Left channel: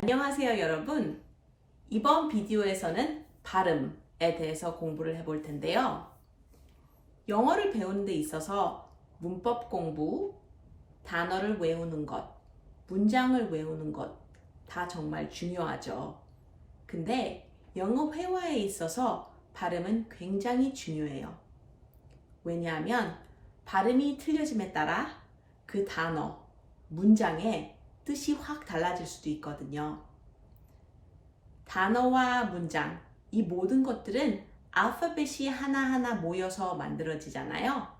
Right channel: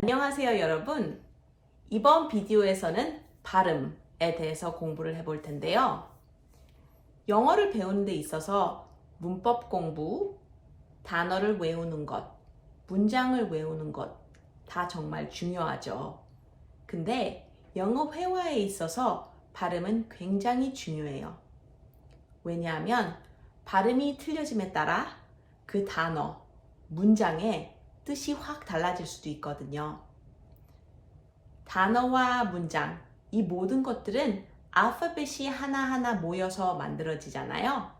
안녕하세요, 여러분. 이번 비디오에서는 발음에 대해서 공부를 해볼 텐데요. 영어를 배우는 데 있어서 문법 공부, 단어를 외우는 것, 문장을 외우는 것 다 정말 중요하죠. 근데 영어 회화에 있어서 발음은 굉장히 중요해요. 왜냐하면 발음이 틀려짐에 따라 그 단어, 문장의 뜻이 확 달라질 수도 있거든요. 단어와 문장, 이 모든 것들은 알파벳이 하나하나 모여서 만들어지잖아요.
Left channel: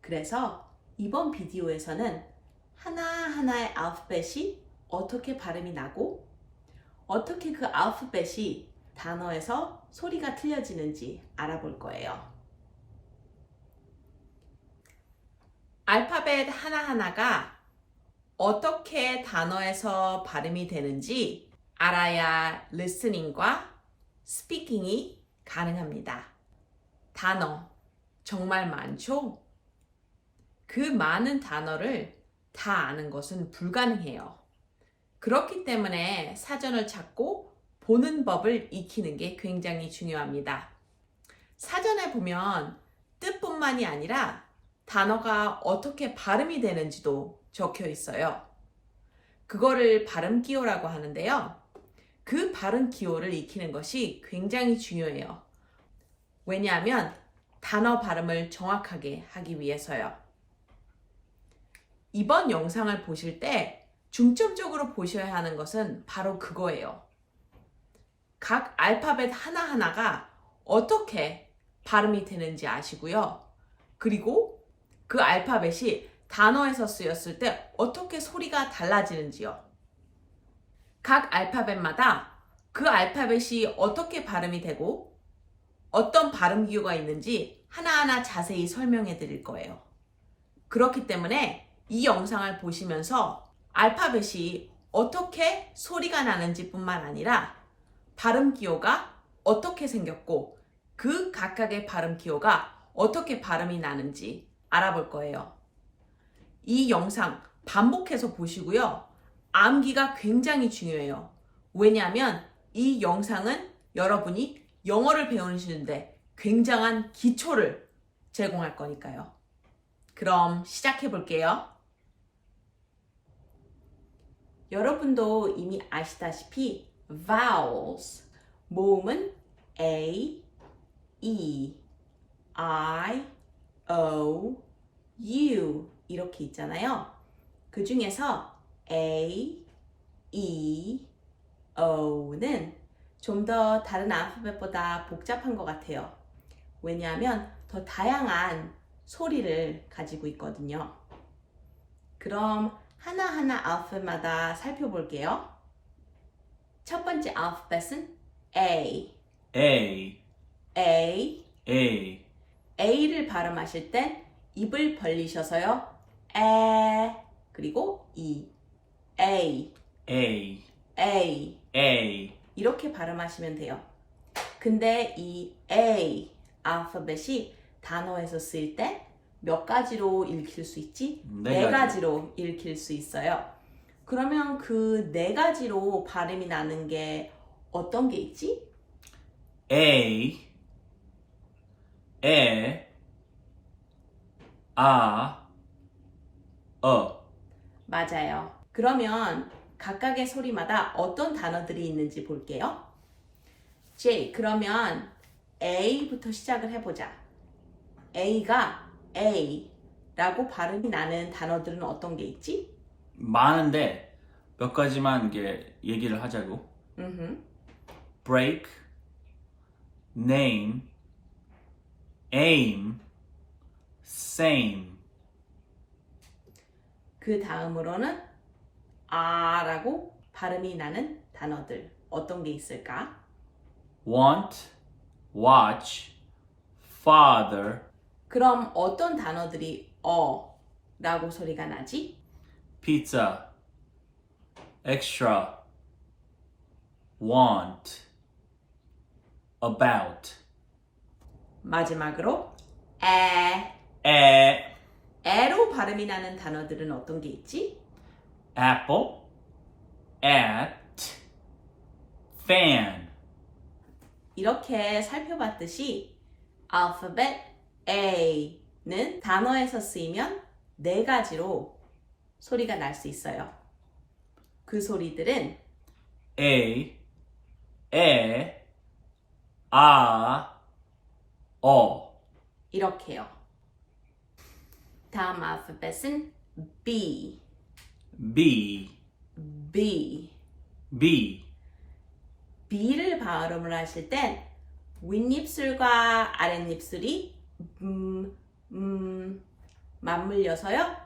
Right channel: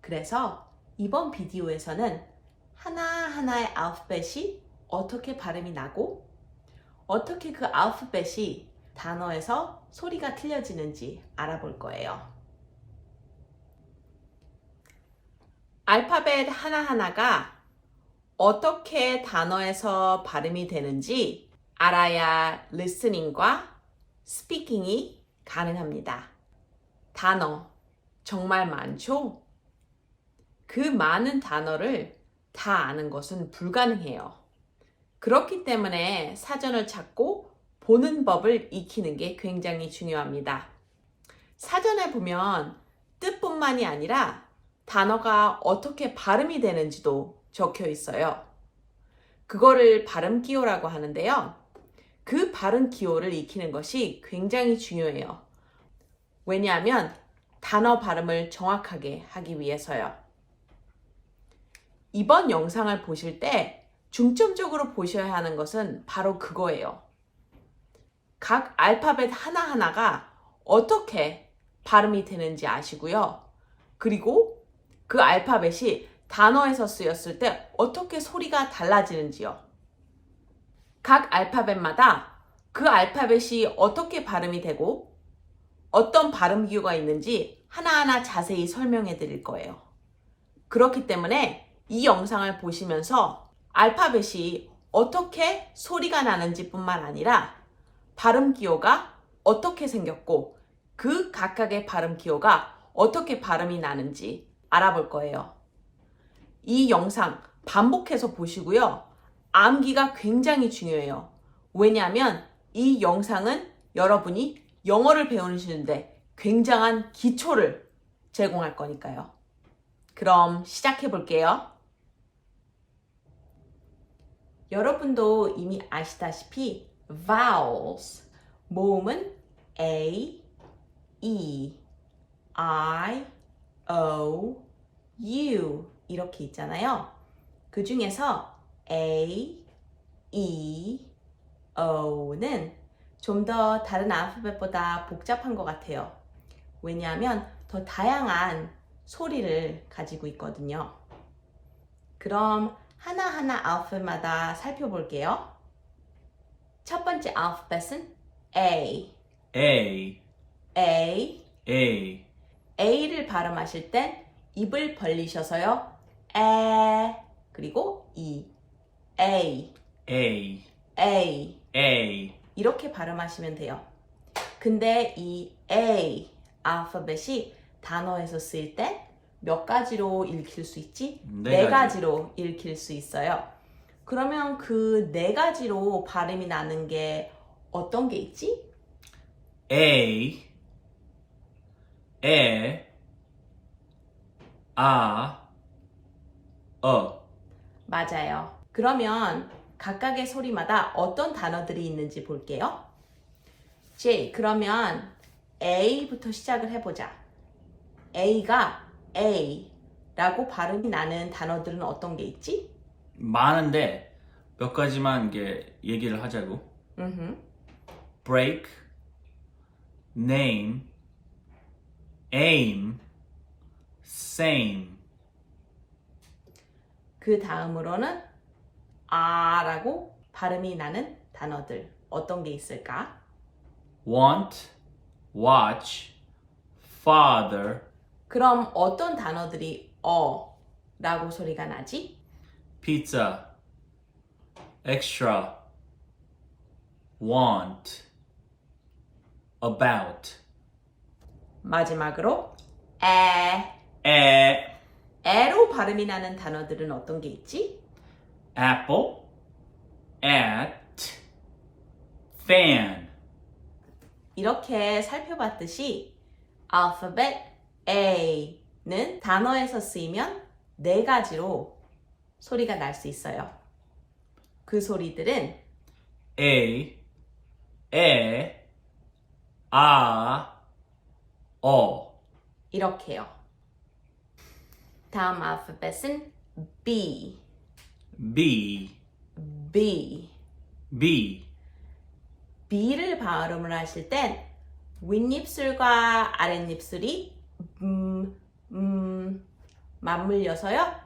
그래서 이번 비디오에서는 하나하나의 알파벳이 어떻게 발음이 나고 어떻게 그 알파벳이 단어에서 소리가 틀려지는지 알아볼 거예요. 알파벳 하나하나가 어떻게 단어에서 발음이 되는지 알아야 listening과 speaking이 가능합니다. 단어 정말 많죠? 그 많은 단어를 다 아는 것은 불가능해요. 그렇기 때문에 사전을 찾고 보는 법을 익히는 게 굉장히 중요합니다. 사전에 보면 뜻뿐만이 아니라 단어가 어떻게 발음이 되는지도 적혀 있어요. 그거를 발음 기호라고 하는데요. 그 발음 기호를 익히는 것이 굉장히 중요해요. 왜냐하면 단어 발음을 정확하게 하기 위해서요. 이번 영상을 보실 때 중점적으로 보셔야 하는 것은 바로 그거예요. 각 알파벳 하나하나가 어떻게 발음이 되는지 아시고요. 그리고 그 알파벳이 단어에서 쓰였을 때 어떻게 소리가 달라지는지요. 각 알파벳마다 그 알파벳이 어떻게 발음이 되고 어떤 발음 기호가 있는지 하나하나 자세히 설명해 드릴 거예요. 그렇기 때문에 이 영상을 보시면서 알파벳이 어떻게 소리가 나는지 뿐만 아니라 발음 기호가 어떻게 생겼고 그 각각의 발음 기호가 어떻게 발음이 나는지 알아볼 거예요. 이 영상 반복해서 보시고요. 암기가 굉장히 중요해요. 왜냐하면 이 영상은 여러분이 영어를 배우시는데 굉장한 기초를 제공할 거니까요. 그럼 시작해 볼게요. 여러분도 이미 아시다시피 vowels, 모음은 A, E, I, O, U 이렇게 있잖아요. 그 중에서 A, E, O는 좀 더 다른 알파벳보다 복잡한 것 같아요. 왜냐하면 더 다양한 소리를 가지고 있거든요. 그럼 하나하나 알파벳마다 살펴볼게요. 첫 번째 알파벳은 A. A, A. A, A를 발음하실 땐 입을 벌리셔서요. 에 그리고 E. A. A, A. A, 이렇게 발음하시면 돼요. 근데 이 A 알파벳이 단어에서 쓰일 때 몇 가지로 읽힐 수 있지? 네 가지로 읽힐 수 있어요. 그러면 그 네 가지로 발음이 나는 게 어떤 게 있지? A, E, A, 맞아요. 그러면 각각의 소리마다 어떤 단어들이 있는지 볼게요. J, 그러면 A부터 시작을 해보자. A가 A라고 발음이 나는 단어들은 어떤 게 있지? 많은데 몇 가지만 얘기를 하자고. break, name, aim, same, 그 다음으로는 R라고 발음이 나는 단어들 어떤 게 있을까? want, watch, father, 그럼 어떤 단어들이 라고 소리가 나지? pizza, extra, want, about, 마지막으로 e, 에로 발음이 나는 단어들은 어떤 게 있지? apple, at, fan, 이렇게 살펴봤듯이 alphabet A는 단어에서 쓰이면 네 가지로 소리가 날 수 있어요. 그 소리들은 a, e, a, o. 이렇게요. 다음 알파벳은 B, B, B. B, B를 발음을 하실 땐 윗입술과 아랫입술이 맞물려서요.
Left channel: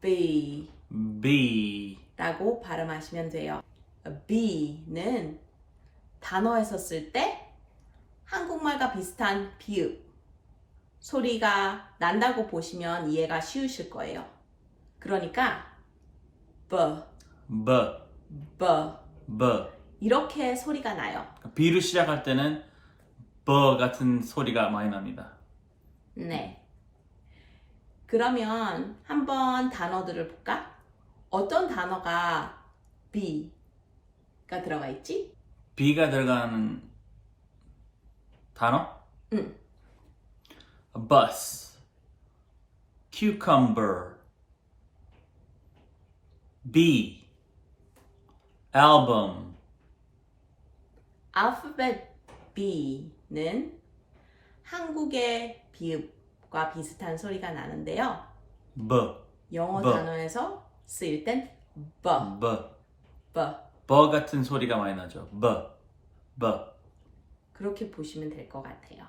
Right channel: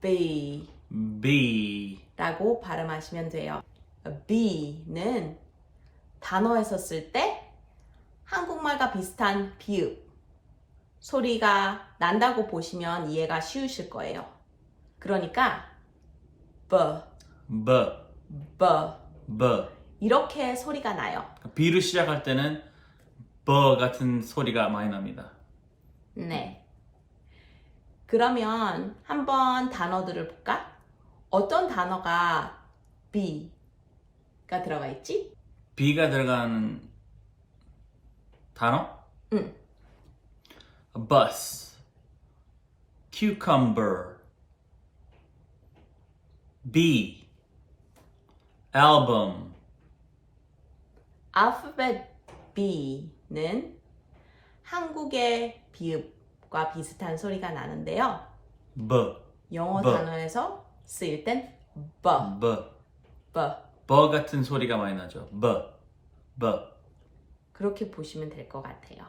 B, B, 라고 발음하시면 돼요. B는 단어에서 쓸 때 한국말과 비슷한 비읍 소리가 난다고 보시면 이해가 쉬우실 거예요. 그러니까 B, B, B B. 이렇게 소리가 나요. B를 시작할 때는 B 같은 소리가 많이 납니다. 네. 그러면 한번 단어들을 볼까? 어떤 단어가 B가 들어가 있지? B가 들어가는 단어? 응. bus, cucumber, bee, album, 알파벳 B는 한국의 비읍과 비슷한 소리가 나는데요. b, 영어 B. 단어에서 쓰일 땐 B, b, B b 같은 소리가 많이 나죠. b, b, 그렇게 보시면 될 것 같아요.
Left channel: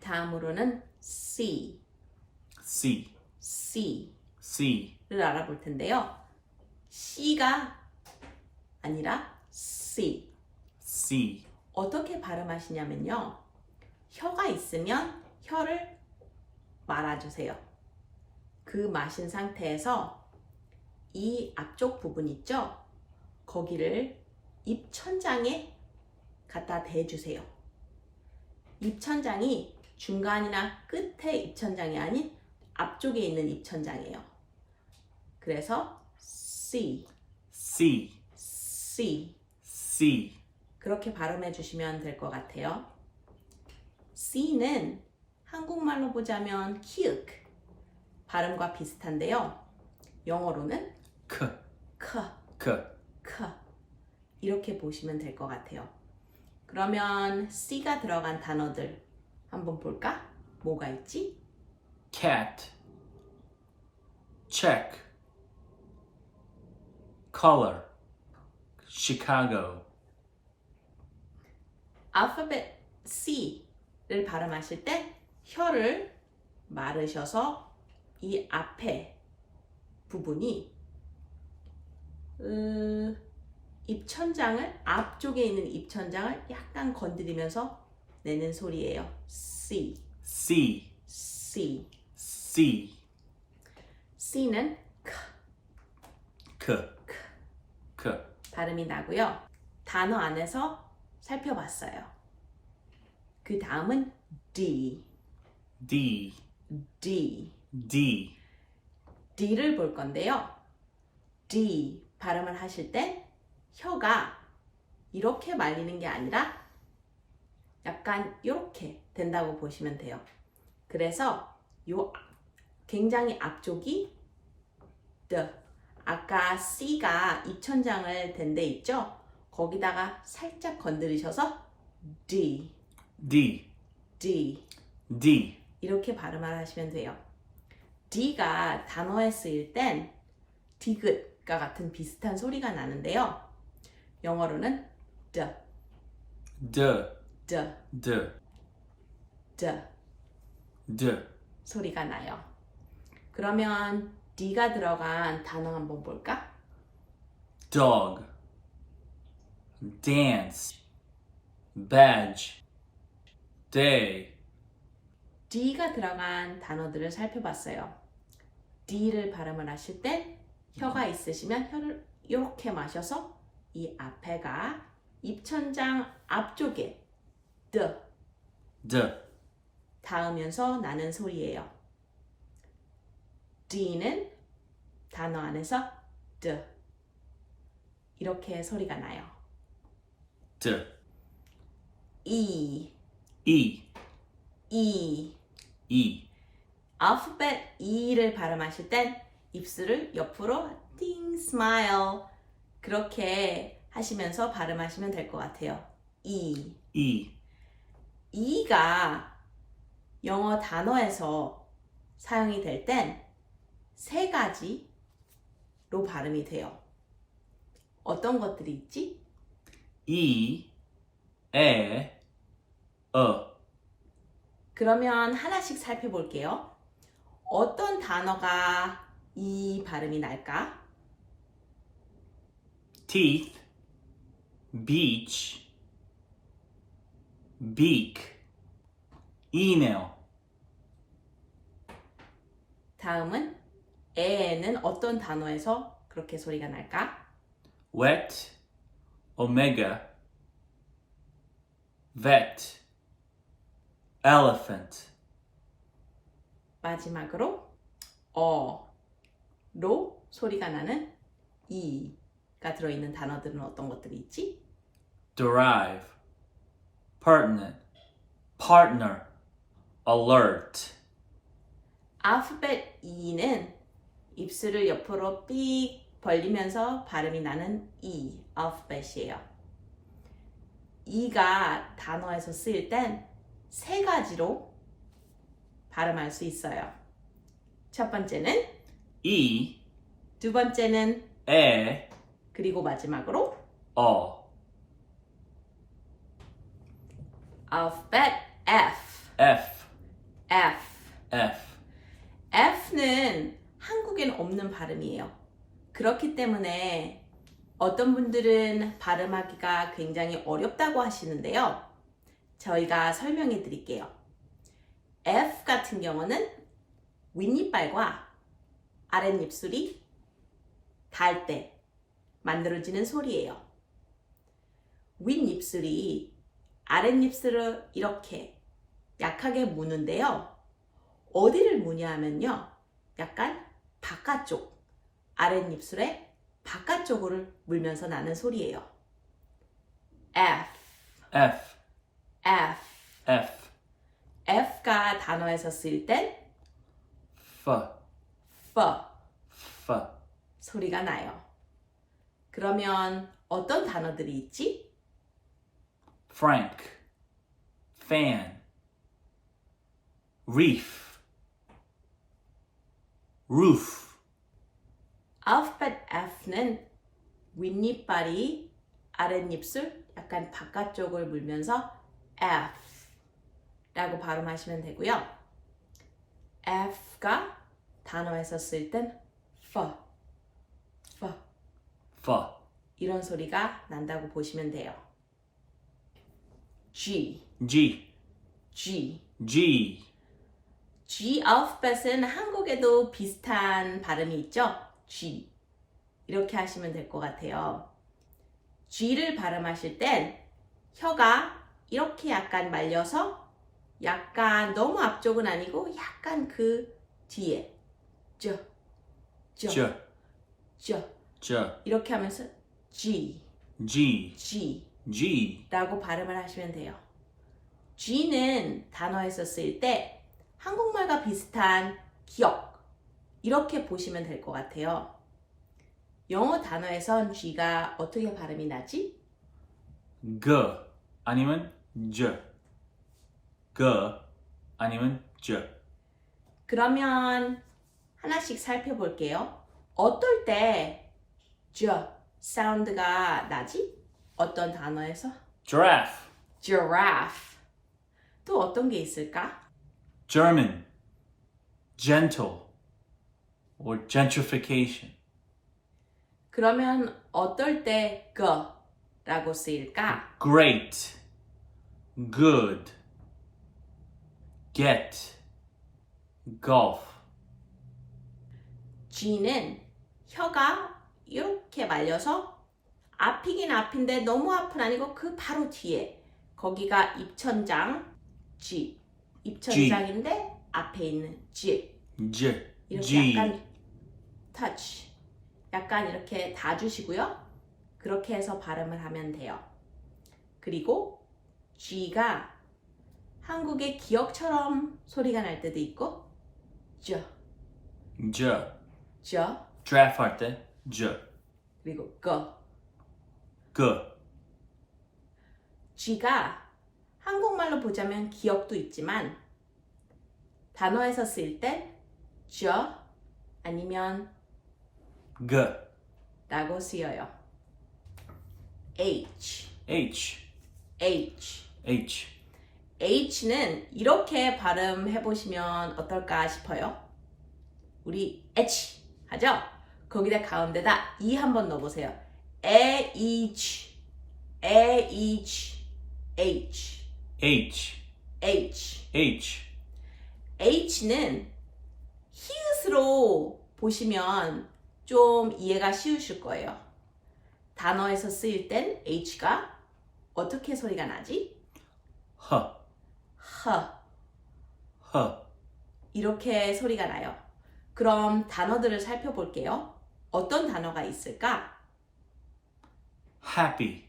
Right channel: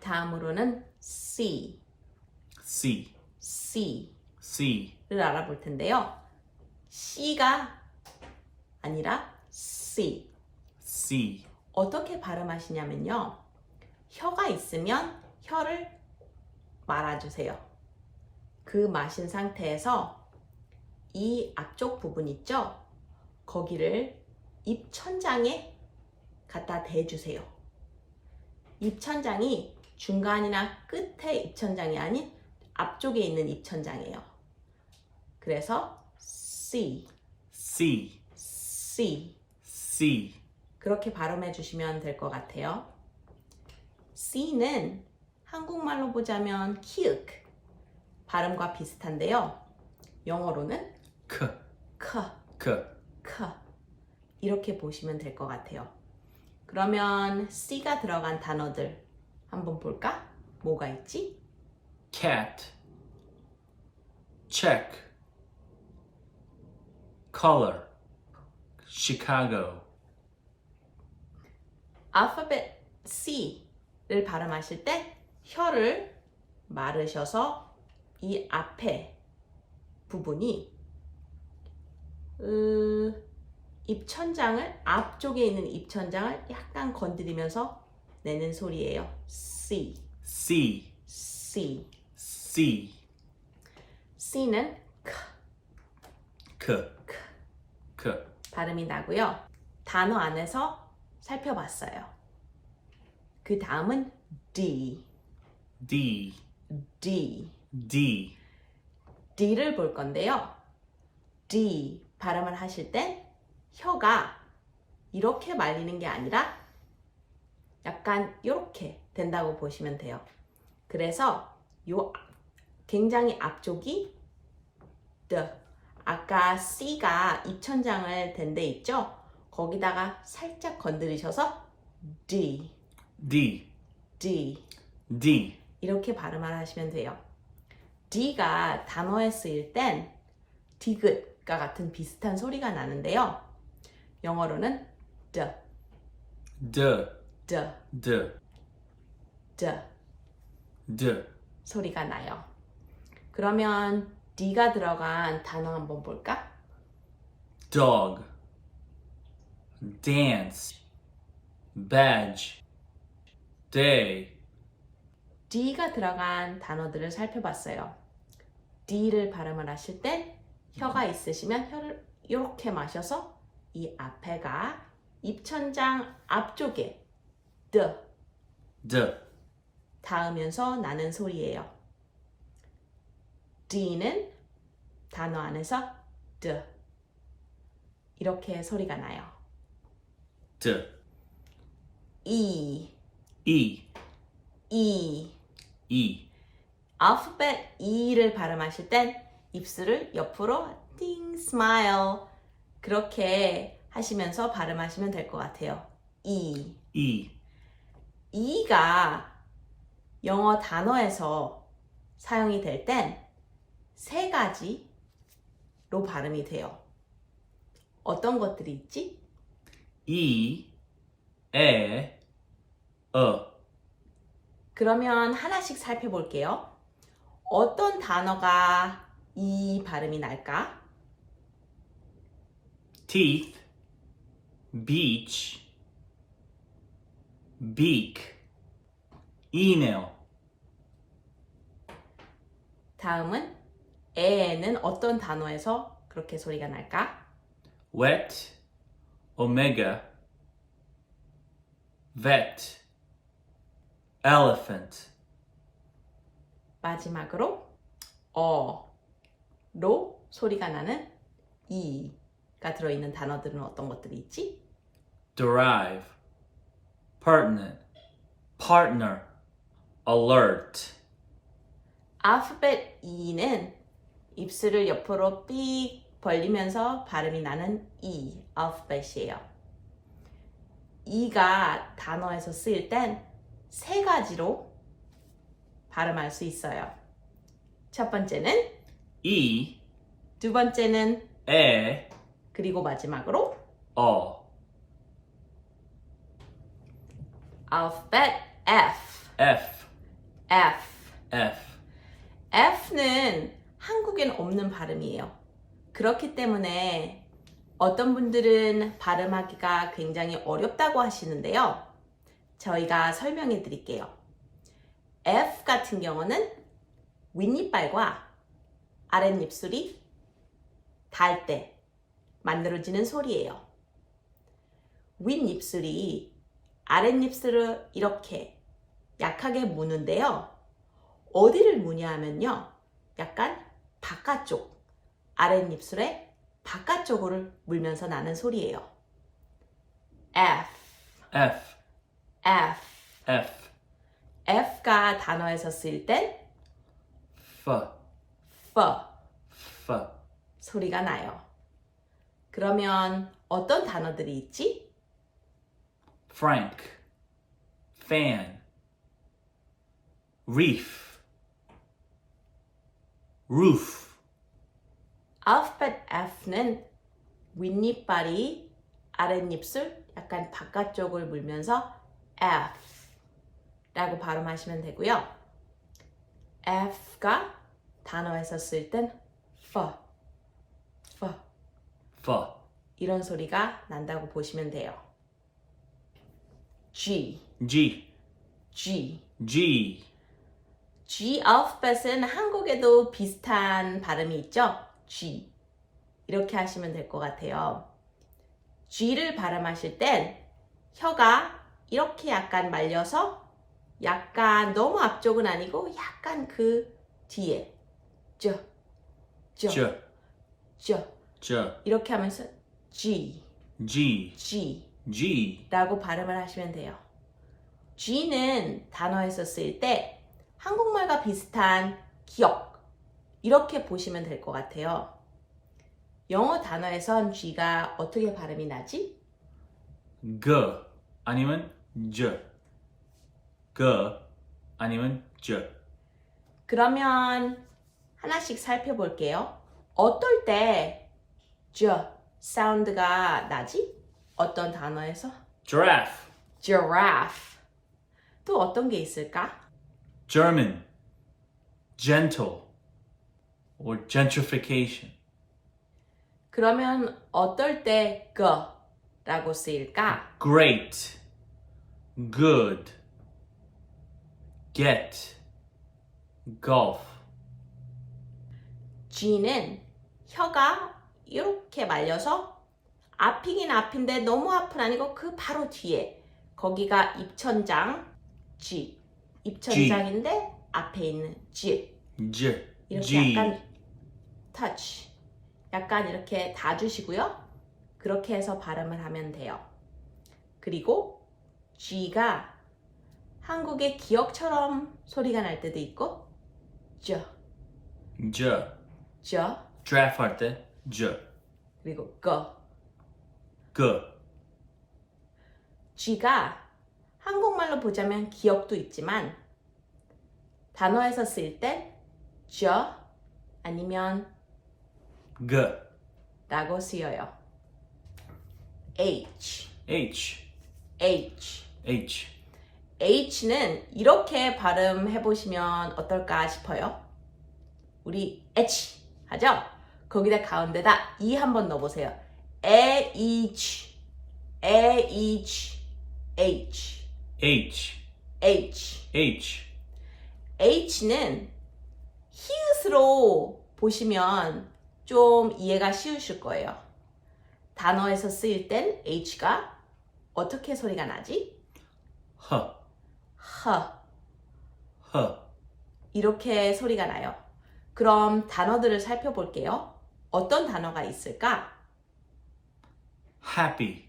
다음으로는 C, c, C를 c, 알아볼 텐데요. C가 아니라 C. c, 어떻게 발음하시냐면요. 혀가 있으면 혀를 말아주세요. 그 마신 상태에서 이 앞쪽 부분 있죠? 거기를 입천장에 갖다 대주세요. 입천장이 중간이나 끝에 입천장이 아닌 앞쪽에 있는 입천장이에요. 그래서 C, c, C c, 그렇게 발음해 주시면 될 것 같아요. C는 한국말로 보자면 키읔 발음과 비슷한데요. 영어로는 k, 크, k, 크 이렇게 보시면 될 것 같아요. 그러면 C가 들어간 단어들 한번 볼까? 뭐가 있지? cat, check, color, Chicago, 알파벳 C를 발음하실 때 혀를 마르셔서 이 앞에 부분이 입천장을 앞쪽에 있는 입천장을 약간 건드리면서 내는 소리예요. C, c, C. c, C는 k, k, 발음이 나고요. 단어 안에서 살펴봤어요. 그 다음은 D, d, D, d, D를 볼 건데요. D 발음을 하실 때 혀가 이렇게 말리는 게 아니라 약간 이렇게 된다고 보시면 돼요. 그래서 요 굉장히 앞쪽이 the 아까 C가 입천장을 댄 데 있죠? 거기다가 살짝 건드리셔서 D, d, D d, 이렇게 발음을 하시면 돼요. D가 단어에 쓰일 땐 디귿과 같은 비슷한 소리가 나는데요. 영어로는 the, d, the, d, the d, 소리가 나요. 그러면 D가 들어간 단어 한번 볼까? dog, dance, badge, day, D가 들어간 단어들을 살펴봤어요. D를 발음을 하실 때 혀가 있으시면 혀를 이렇게 마셔서 이 앞에가 입천장 앞쪽에 the d, 닿으면서 나는 소리예요. D는 단어 안에서 the, 이렇게 소리가 나요. D, E, E, E. E. 알파벳 E를 발음하실 땐 입술을 옆으로 띵 스마일 그렇게 하시면서 발음하시면 될 것 같아요. E. E. E가 영어 단어에서 사용이 될 땐 세 가지로 발음이 돼요. 어떤 것들이 있지? E, E, 그러면 하나씩 살펴볼게요. 어떤 단어가 이 발음이 날까? teeth, beach, beak, email, 다음은 에는 어떤 단어에서 그렇게 소리가 날까? wet, omega, vet, elephant, 마지막으로 어로 소리가 나는 이가 들어있는 단어들은 어떤 것들이 있지? derive, pertinent, partner, alert, 알파벳 E는 입술을 옆으로 삑 벌리면서 발음이 나는 E 알파벳이에요. E가 단어에서 쓰일 땐 세 가지로 발음할 수 있어요. 첫 번째는 E, 두 번째는 E, 그리고 마지막으로 O, 알파벳 F. F, F. F, F는 한국엔 없는 발음이에요. 그렇기 때문에 어떤 분들은 발음하기가 굉장히 어렵다고 하시는데요. 저희가 설명해 드릴게요. F 같은 경우는 윗니빨과 아랫입술이 닿을 때 만들어지는 소리예요. 윗입술이 아랫입술을 이렇게 약하게 무는데요. 어디를 무냐 하면요. 약간 바깥쪽, 아랫입술의 바깥쪽을 물면서 나는 소리예요. F, F, F. F, F가 단어에서 쓰일 땐 F, F F, 소리가 나요. 그러면 어떤 단어들이 있지? frank, fan, reef, roof, 알파벳 F는 윗니빨이 아랫입술 약간 바깥쪽을 물면서 F 라고 발음하시면 되고요. F가 단어에서 쓸 땐 F, F F, 이런 소리가 난다고 보시면 돼요. G, G, G. G, G 알파벳은 한국에도 비슷한 발음이 있죠? G. 이렇게 하시면 될 것 같아요. G를 발음하실 땐 혀가 이렇게 약간 말려서 약간 너무 앞쪽은 아니고 약간 그 뒤에 저, J, J, 이렇게 하면서 G, G, G G, 라고 발음을 하시면 돼요. G는 단어에서 쓸 때 한국말과 비슷한 기억 이렇게 보시면 될 것 같아요. 영어 단어에선 G가 어떻게 발음이 나지? G, 아니면 J, G, 아니면 J, 그러면 하나씩 살펴볼게요. 어떨 때 J 사운드가 나지? 어떤 단어에서? giraffe, Giraffe. 또 어떤 게 있을까? German, gentle, or gentrification, 그러면 어떨 때 G라고 쓰일까? great, good, get, golf, G는 혀가 이렇게 말려서 앞이긴 앞인데 너무 앞은 아니고 그 바로 뒤에 거기가 입천장 G 입천장인데 앞에 있는 G J, 이렇게 G, 약간 touch 약간 이렇게 다 주시고요. 그렇게 해서 발음을 하면 돼요. 그리고 G가 한국의 기억처럼 소리가 날 때도 있고 저, 저. 저, draft 할 때 저. 그리고 거. 그. G가 한국말로 보자면 기억도 있지만 단어에서 쓸 땐 저 아니면 그. 라고 쓰여요. H, H. H. H. H는 이렇게 발음해 보시면 어떨까 싶어요. 우리 H 하죠? 거기다 가운데다 E 한번 넣어보세요. H, H, H, H. H. H. H는 히읗으로 보시면 좀 이해가 쉬우실 거예요. 단어에서 쓰일 땐 H가 어떻게 소리가 나지? 허. 허. 허. 이렇게 소리가 나요. 그럼 단어들을 살펴볼게요. 어떤 단어가 있을까? happy.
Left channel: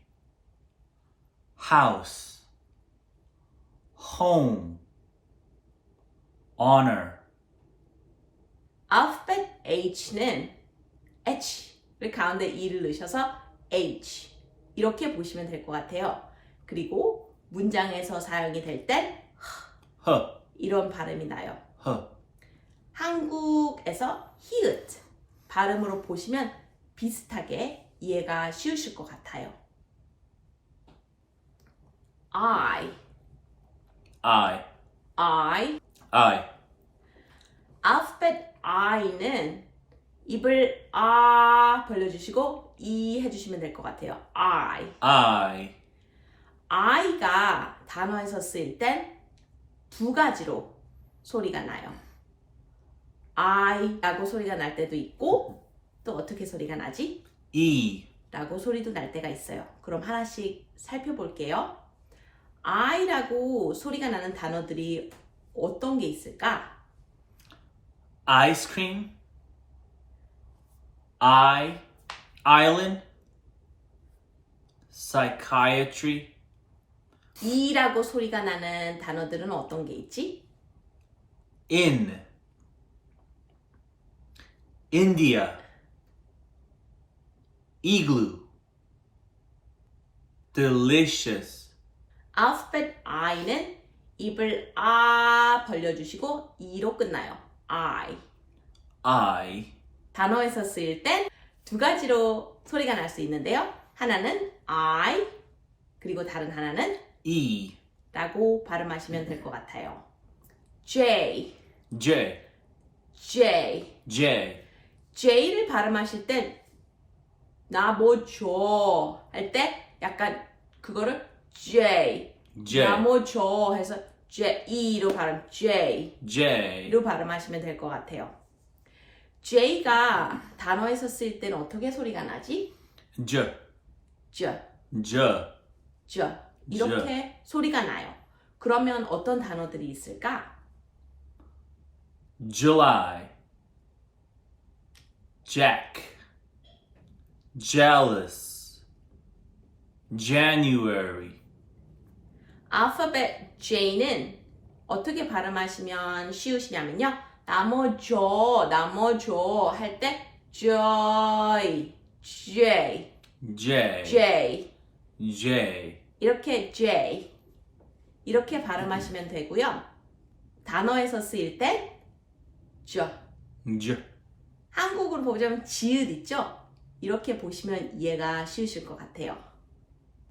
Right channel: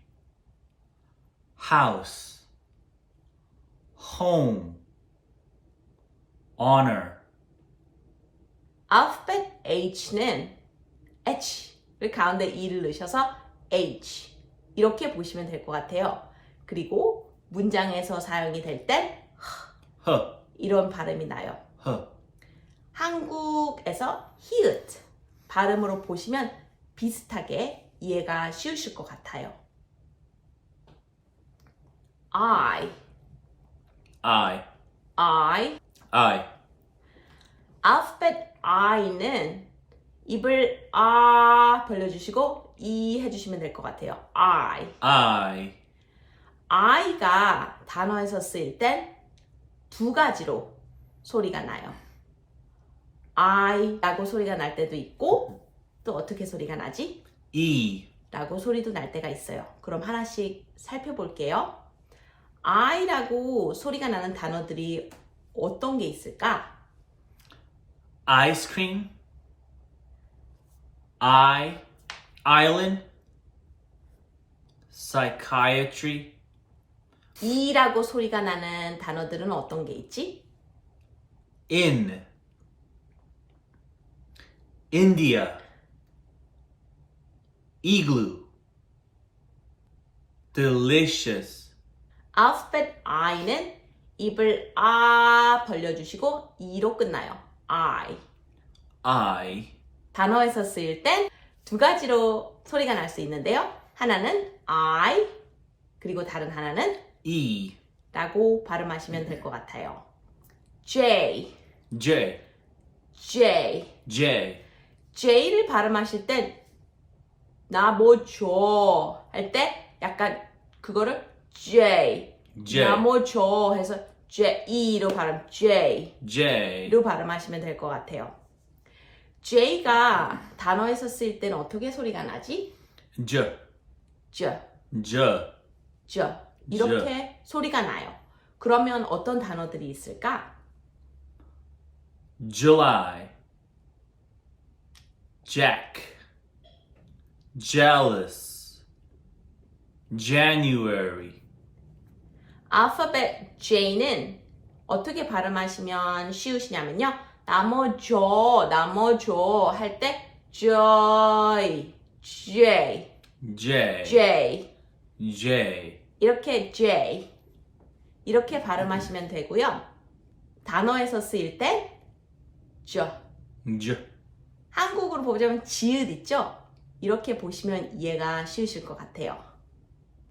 house. home. honor. 알파벳 H는 H를 가운데 E를 넣으셔서 H 이렇게 보시면 될 것 같아요. 그리고 문장에서 사용이 될 땐 허. 이런 발음이 나요. 허. 한국에서 히읗 발음으로 보시면 비슷하게 이해가 쉬우실 것 같아요. I, I. I. I. 알파벳 I는 입을 아 벌려주시고 이 해주시면 될 것 같아요. I. I. I가 단어에서 쓰일 땐 두 가지로 소리가 나요. I라고 소리가 날 때도 있고 또 어떻게 소리가 나지? E. 라고 소리도 날 때가 있어요. 그럼 하나씩 살펴볼게요. I라고 소리가 나는 단어들이 어떤 게 있을까? ice cream. island. psychiatry. E라고 소리가 나는 단어들은 어떤 게 있지? in. India. igloo. delicious. 알파벳 I는 입을 아 벌려주시고 E로 끝나요. I. I. 단어에서 쓰일 땐 두 가지로 소리가 날 수 있는데요. 하나는 I, 그리고 다른 하나는 E. 라고 발음하시면 될 것 같아요. J, J. J. J. J를 발음하실 땐 나 뭐 줘 할 때 약간 그거를 J, J. 나 뭐 줘 해서 J, E로 발음 J로 J. 발음하시면 될 것 같아요. J가 단어에서 쓰일 때는 어떻게 소리가 나지? J. j, J. j 이렇게 소리가 나요. 그러면 어떤 단어들이 있을까? July. Jack. jealous. January. 알파벳 J는 어떻게 발음하시면 쉬우시냐면요. 나머져 할 때 joy, J, J. J J. 이렇게 J 이렇게 발음하시면 되고요. 단어에서 쓰일 때 j J. 한국으로 보자면 지읒 있죠? 이렇게 보시면 이해가 쉬우실 것 같아요.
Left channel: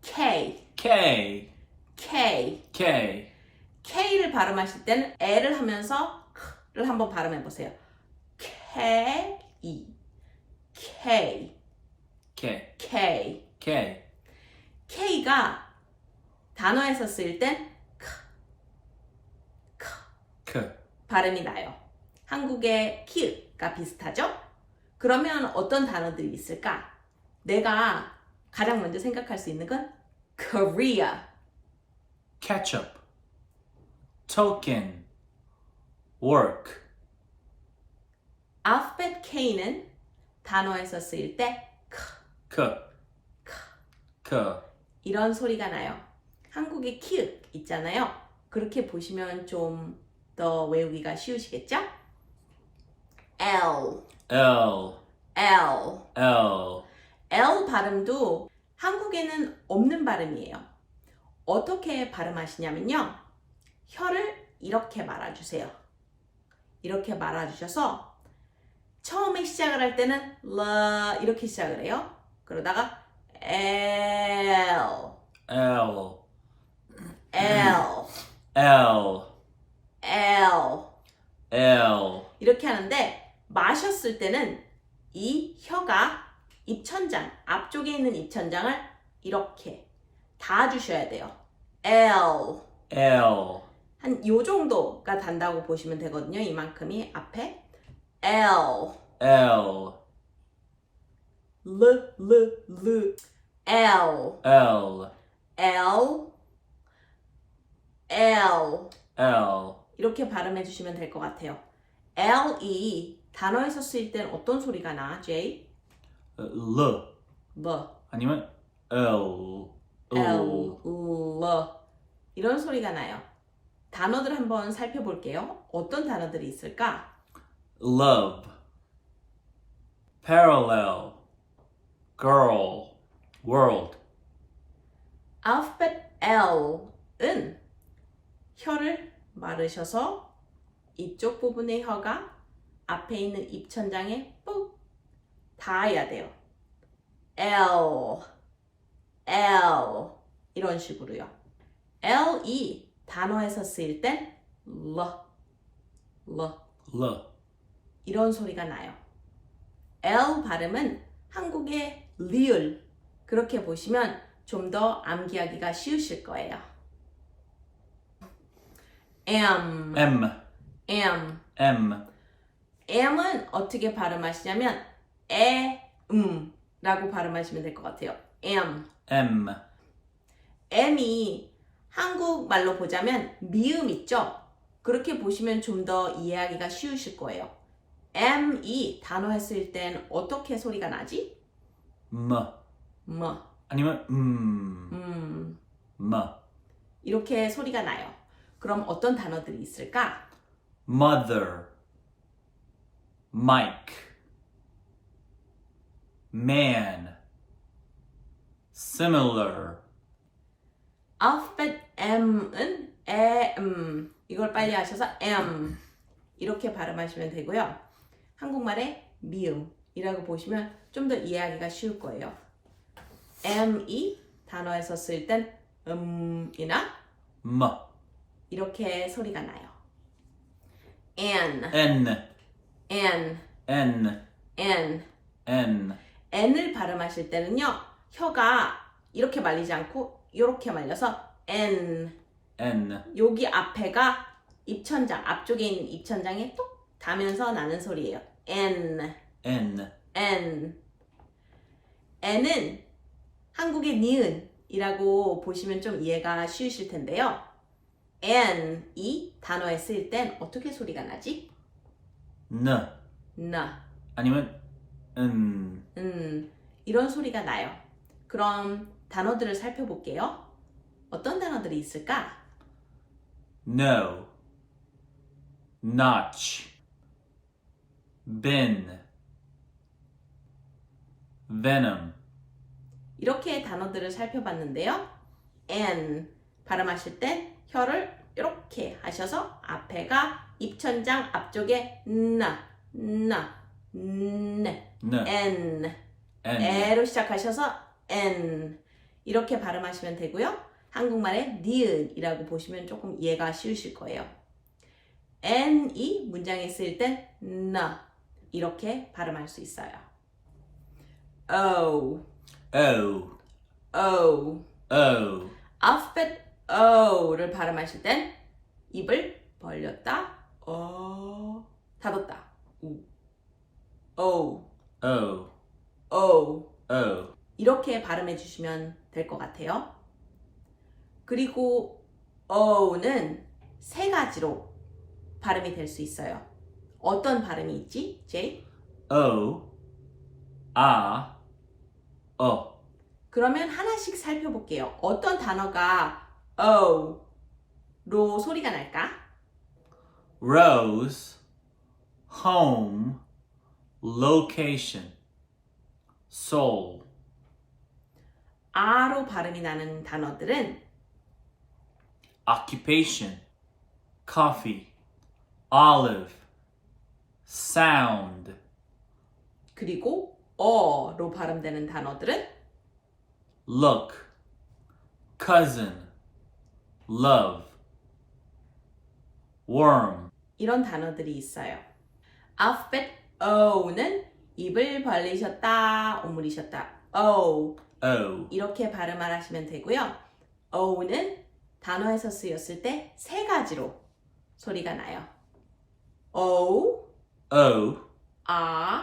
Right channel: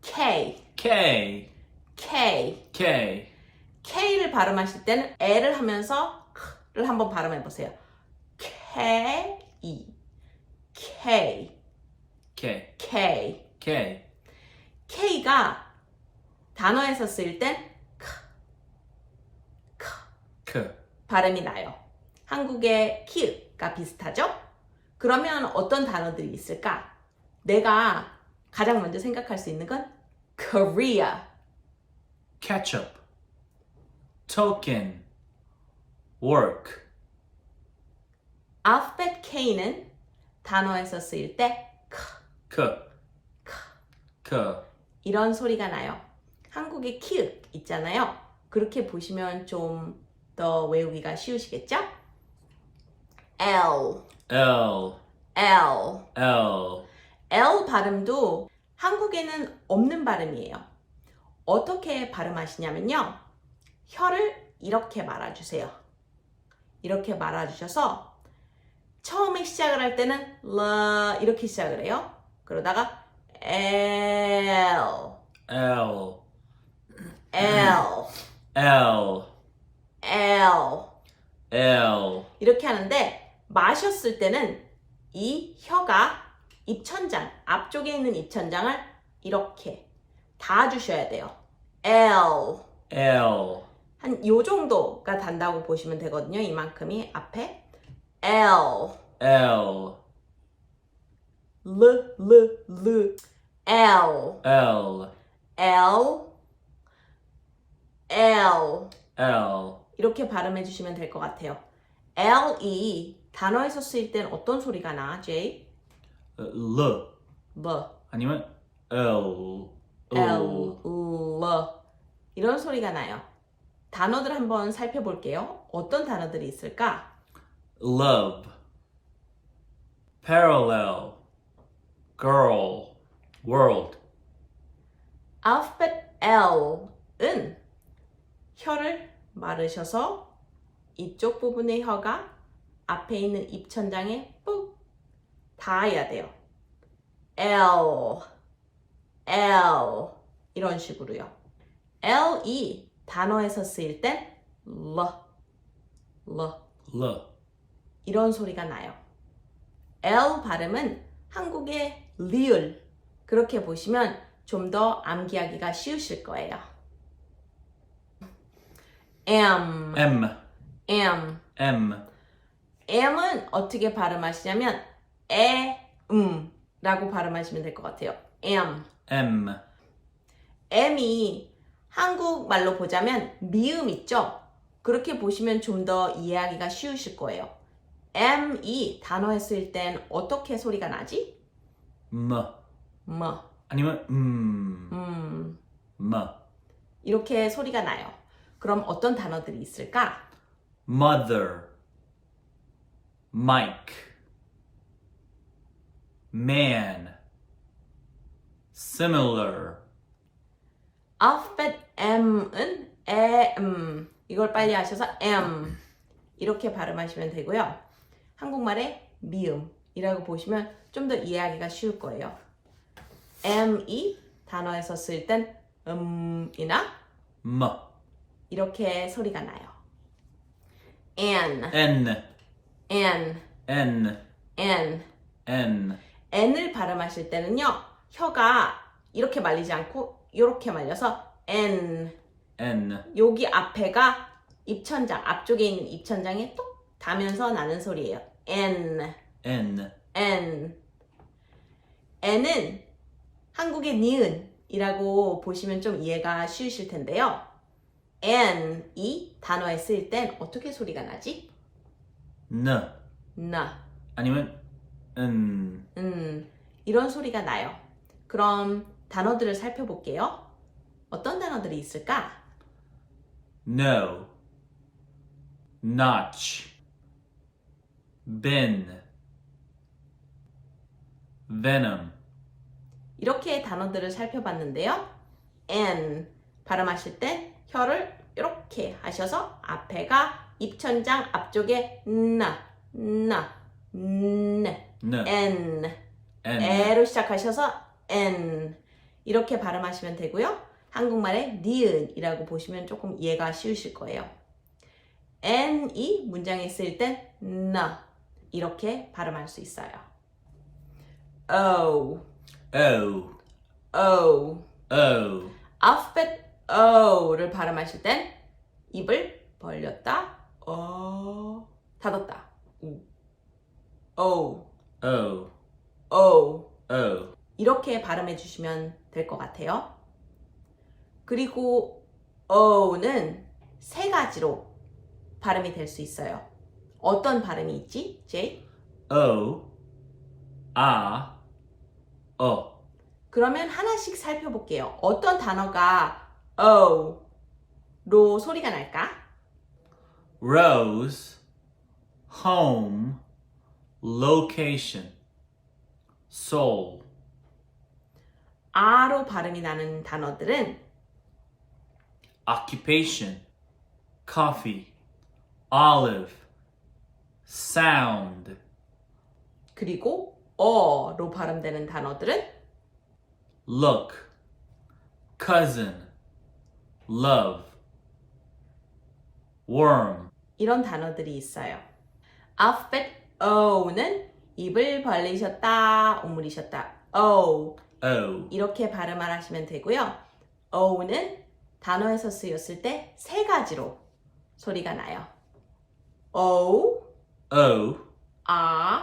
K, K. K, K. K를 발음하실 때는 L을 하면서 K를 한번 발음해 보세요. K, K, K. K. K. K가 단어에서 쓰일 땐 K. 발음이 나요. 한국의 키가 비슷하죠? 그러면 어떤 단어들이 있을까? 내가 가장 먼저 생각할 수 있는 건 Korea, ketchup. token. work. 알파벳 K는 단어에서 쓰일 때 K. K. 이런 소리가 나요. 한국에 키 있잖아요. 그렇게 보시면 좀 더 외우기가 쉬우시겠죠? L, L, L, L, L 발음도 한국에는 없는 발음이에요. 어떻게 발음하시냐면요. 혀를 이렇게 말아주세요. 이렇게 말아주셔서 처음에 시작을 할 때는 라 이렇게 시작을 해요. 그러다가 L, L, L, L, L L, 이렇게 하는데 마셨을 때는 이 혀가 입천장, 앞쪽에 있는 입천장을 이렇게 닿아주셔야 돼요. L L, 한 요 정도가 단다고 보시면 되거든요. 이만큼이 앞에 L L, L L, L L L, 이렇게 발음해 주시면 될 것 같아요. L이 단어에서 쓰일 땐 어떤 소리가 나, Jay? L, 뭐, 아니면 L, L, 이런 소리가 나요. 단어들 한번 살펴볼게요. 어떤 단어들이 있을까? love, parallel, girl, world. 알파벳 L은 혀를 마르셔서 이쪽 부분의 혀가 앞에 있는 입천장에 ปุ๊ 닿아야 돼요. L, L 이런 식으로요. L이 단어에서 쓰일 땐 L, 이런 소리가 나요. L 발음은 한국의 리을 그렇게 보시면 좀 더 암기하기가 쉬우실 거예요. M, M, M, M, M은 어떻게 발음하시냐면 라고 발음하시면 될 것 같아요. M. M, M이 한국말로 보자면 미음 있죠? 그렇게 보시면 좀 더 이해하기가 쉬우실 거예요. M이 단어에 쓰일 땐 어떻게 소리가 나지? M, 아니면 M, 이렇게 소리가 나요. 그럼 어떤 단어들이 있을까? mother, Mike, man, similar, 알파벳 M은 이걸 빨리 하셔서 M 이렇게 발음하시면 되고요. 한국말의 미음이라고 보시면 좀 더 이해하기가 쉬울 거예요. M이 단어에서 쓸 땐 이나 M, 이렇게 소리가 나요. N, N, N, N, N. N, N을 발음하실 때는요. 혀가 이렇게 말리지 않고 이렇게 말려서 N. N, 여기 앞에가 입천장, 앞쪽에 있는 입천장에 뚝 닿으면서 나는 소리예요. N, N, N. N은 한국의 니은이라고 보시면 좀 이해가 쉬우실 텐데요. N이 단어에 쓰일 땐 어떻게 소리가 나지? N, 나, 아니면 N, 이런 소리가 나요. 그럼 단어들을 살펴볼게요. 어떤 단어들이 있을까? no, notch, bin, venom, 이렇게 단어들을 살펴봤는데요. N 발음하실 때 혀를 이렇게 하셔서 앞에가 입천장 앞쪽에 N N, N N, 에로 시작하셔서 N 이렇게 발음하시면 되고요. 한국말의 니은이라고 보시면 조금 이해가 쉬우실 거예요. N이 문장에 있을 땐 나 이렇게 발음할 수 있어요. O, O, O. O, 알파벳 O를 발음하실 땐 입을 벌렸다, 닫았다. O, O, O. O, 이렇게 발음해 주시면 될 것 같아요. 그리고 O는 세 가지로 발음이 될 수 있어요. 어떤 발음이 있지, Jay? O, A, O. 그러면 하나씩 살펴볼게요. 어떤 단어가 O로 소리가 날까? Rose, home, location, soul. R로 발음이 나는 단어들은 Occupation, coffee, olive, sound. 그리고 어로 발음되는 단어들은 Look, cousin, love, worm. 이런 단어들이 있어요. 알파벳 O는 입을 벌리셨다, 오므리셨다. O O. 이렇게 발음을 하시면 되고요. O는 단어에서 쓰였을 때 세 가지로 소리가 나요. O, O. A,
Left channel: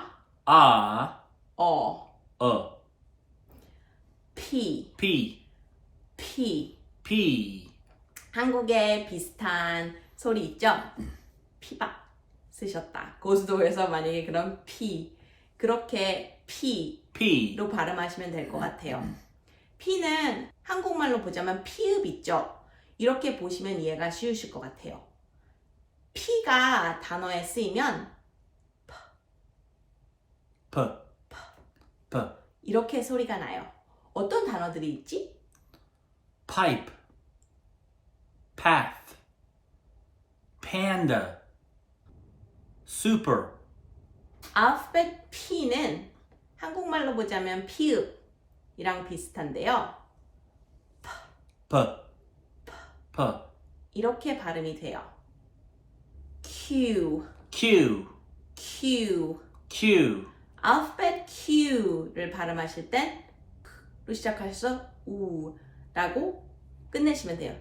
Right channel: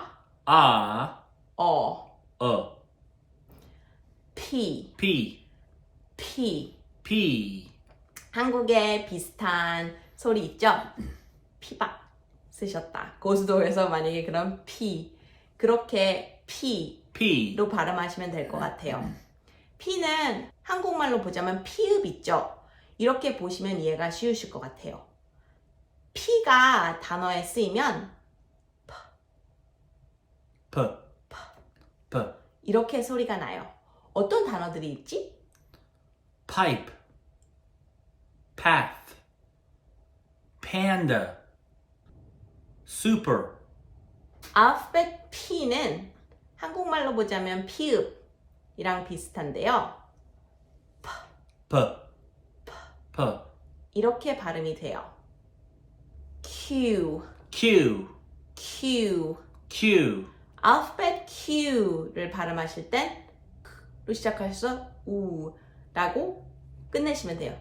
A. 어. P, P. P. P. 한국에 비슷한 소리 있죠? 피박 쓰셨다. 고수도에서 만약에 그럼 P 그렇게 P로 P. 발음하시면 될 것 같아요. P는 한국말로 보자면 피읍 있죠? 이렇게 보시면 이해가 쉬우실 것 같아요. P가 단어에 쓰이면 P. P. 이렇게 소리가 나요. 어떤 단어들이 있지? Pipe. Path. Panda. Super. 알파벳 P는 한국말로 보자면 피읍이랑 비슷한데요. P. P. 이렇게 발음이 돼요. Q, Q. Q. Q. 알파벳 Q를 발음하실 땐 Q로 시작하셔서 우라고 끝내시면 돼요.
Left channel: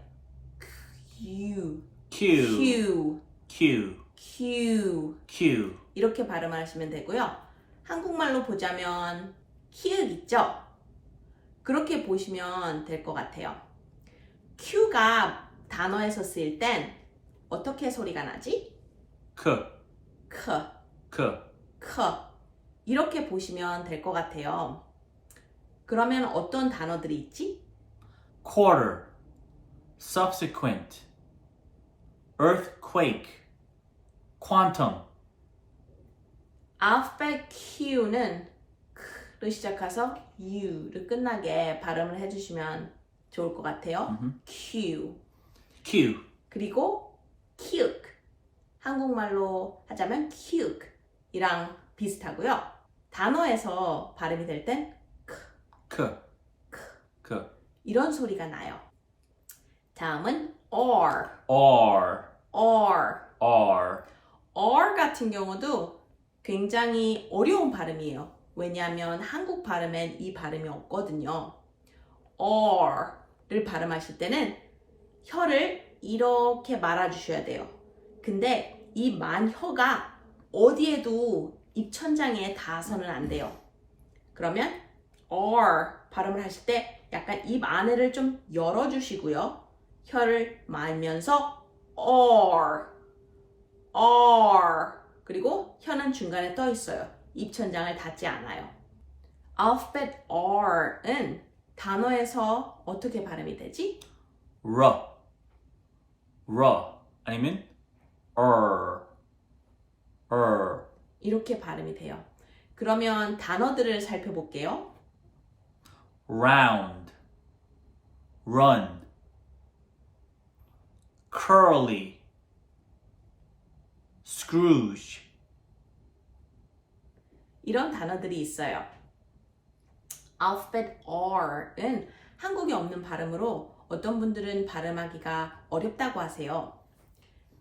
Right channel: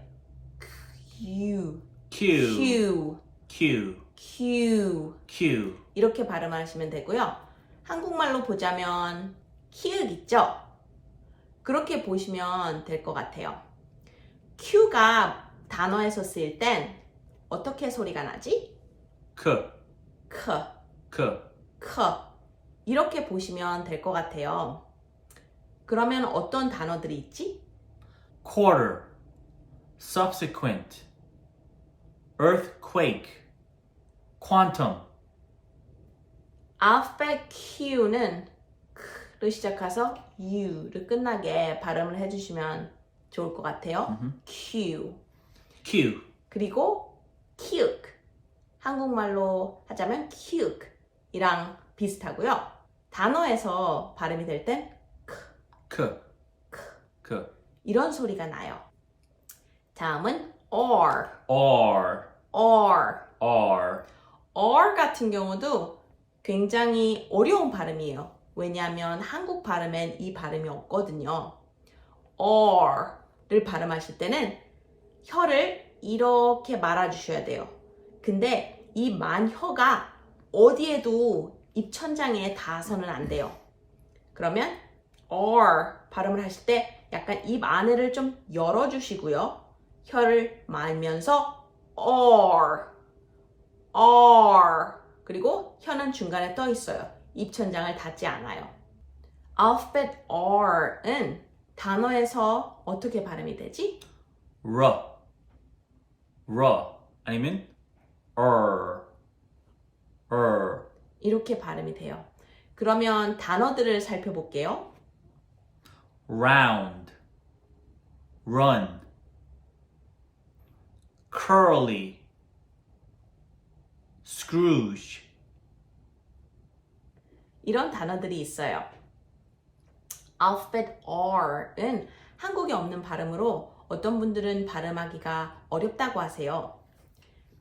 Q, Q. Q, Q. Q. Q. 이렇게 발음하시면 되고요. 한국말로 보자면 키읔 있죠? 그렇게 보시면 될 것 같아요. Q가 단어에서 쓰일 땐 어떻게 소리가 나지? K. 크, K. 크. 이렇게 보시면 될 것 같아요. 그러면 어떤 단어들이 있지? Quarter. Subsequent. Earthquake. Quantum. 알파벳 Q는 Q로 시작해서 U를 끝나게 발음을 해주시면 좋을 것 같아요. Q. Q. 그리고 키읔. 한국말로 하자면 키읔이랑 비슷하고요. 단어에서 발음이 될 땐 K. K. 이런 소리가 나요. 다음은 R. R. R. R. R 같은 경우도 굉장히 어려운 발음이에요. 왜냐하면 한국 발음엔 이 발음이 없거든요. R를 발음하실 때는 혀를 이렇게 말아주셔야 돼요. 근데 이 만혀가 어디에도 입천장에 닿아서는 안 돼요. 그러면 R 발음을 하실 때 약간 입 안에를 좀 열어주시고요. 혀를 말면서 R, R. 그리고 혀는 중간에 떠 있어요. 입천장을 닿지 않아요. 알파벳 R은 단어에서 어떻게 발음이 되지? R. R. 아니면 R. R. 이렇게 발음이 돼요. 그러면 단어들을 살펴볼게요. Round. Run. Curly. Scrooge. 이런 단어들이 있어요. 알파벳 R은 한국에 없는 발음으로 어떤 분들은 발음하기가 어렵다고 하세요.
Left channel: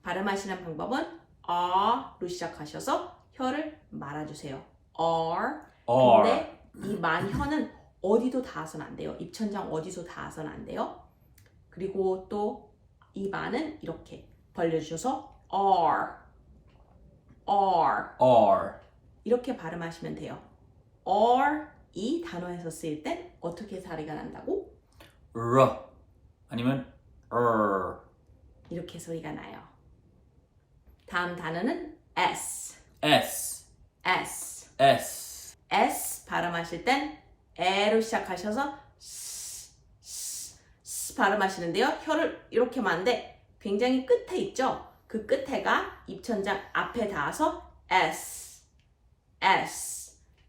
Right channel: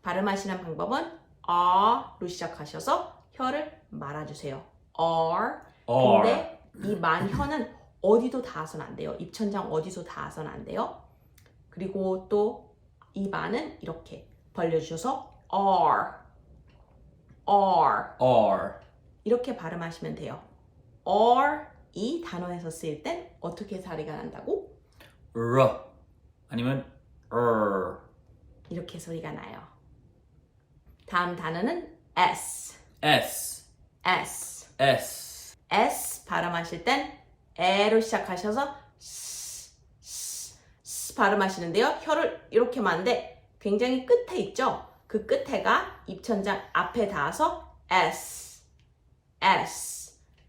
발음하시는 방법은 R로 시작하셔서 혀를 말아주세요. R. R. 근데 이 만혀는 어디도 닿아서는 안 돼요. 입천장 어디도 닿아서는 안 돼요. 그리고 또 이 만은 이렇게 벌려주셔서 R. R. R. 이렇게 발음하시면 돼요. R 이 단어에서 쓰일 땐 어떻게 소리가 난다고? R. 아니면 R. 이렇게 소리가 나요. 다음 단어는 S. S. S. S. S 발음하실 땐 에로 시작하셔서 발음하시는데요. 혀를 이렇게 하는데 굉장히 끝에 있죠. 그 끝에가 입천장 앞에 닿아서 S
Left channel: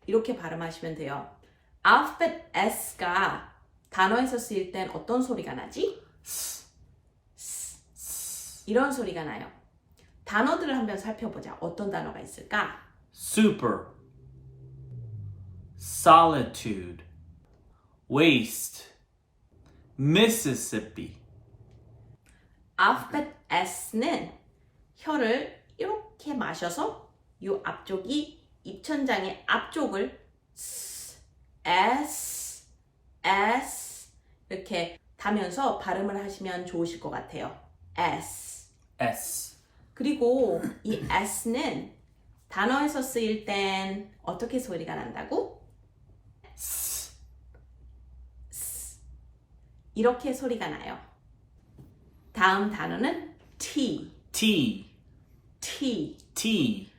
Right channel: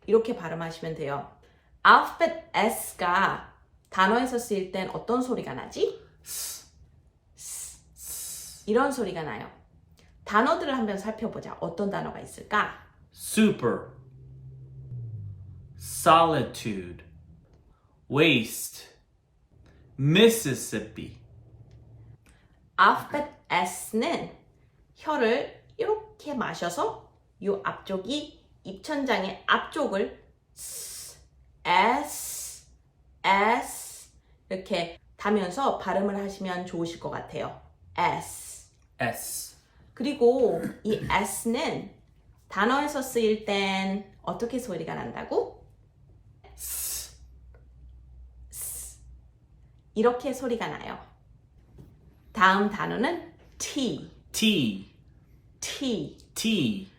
이렇게 발음하시면 돼요. 알파벳 S가 단어에서 쓰일 땐 어떤 소리가 나지? 이런 소리가 나요. 단어들을 한번 살펴보자. 어떤 단어가 있을까? super, solitude, waste, Mississippi. 알파벳 S는 혀를 이렇게 마셔서 이 앞쪽이 입천장의 앞쪽을 S 이렇게 다면서 발음을 하시면 좋으실 것 같아요. S. S. 그리고 이 S는 단어에서 쓰일 땐 어떻게 소리가 난다고? 이렇게 소리가 나요. 다음 단어는 T. T. T. T.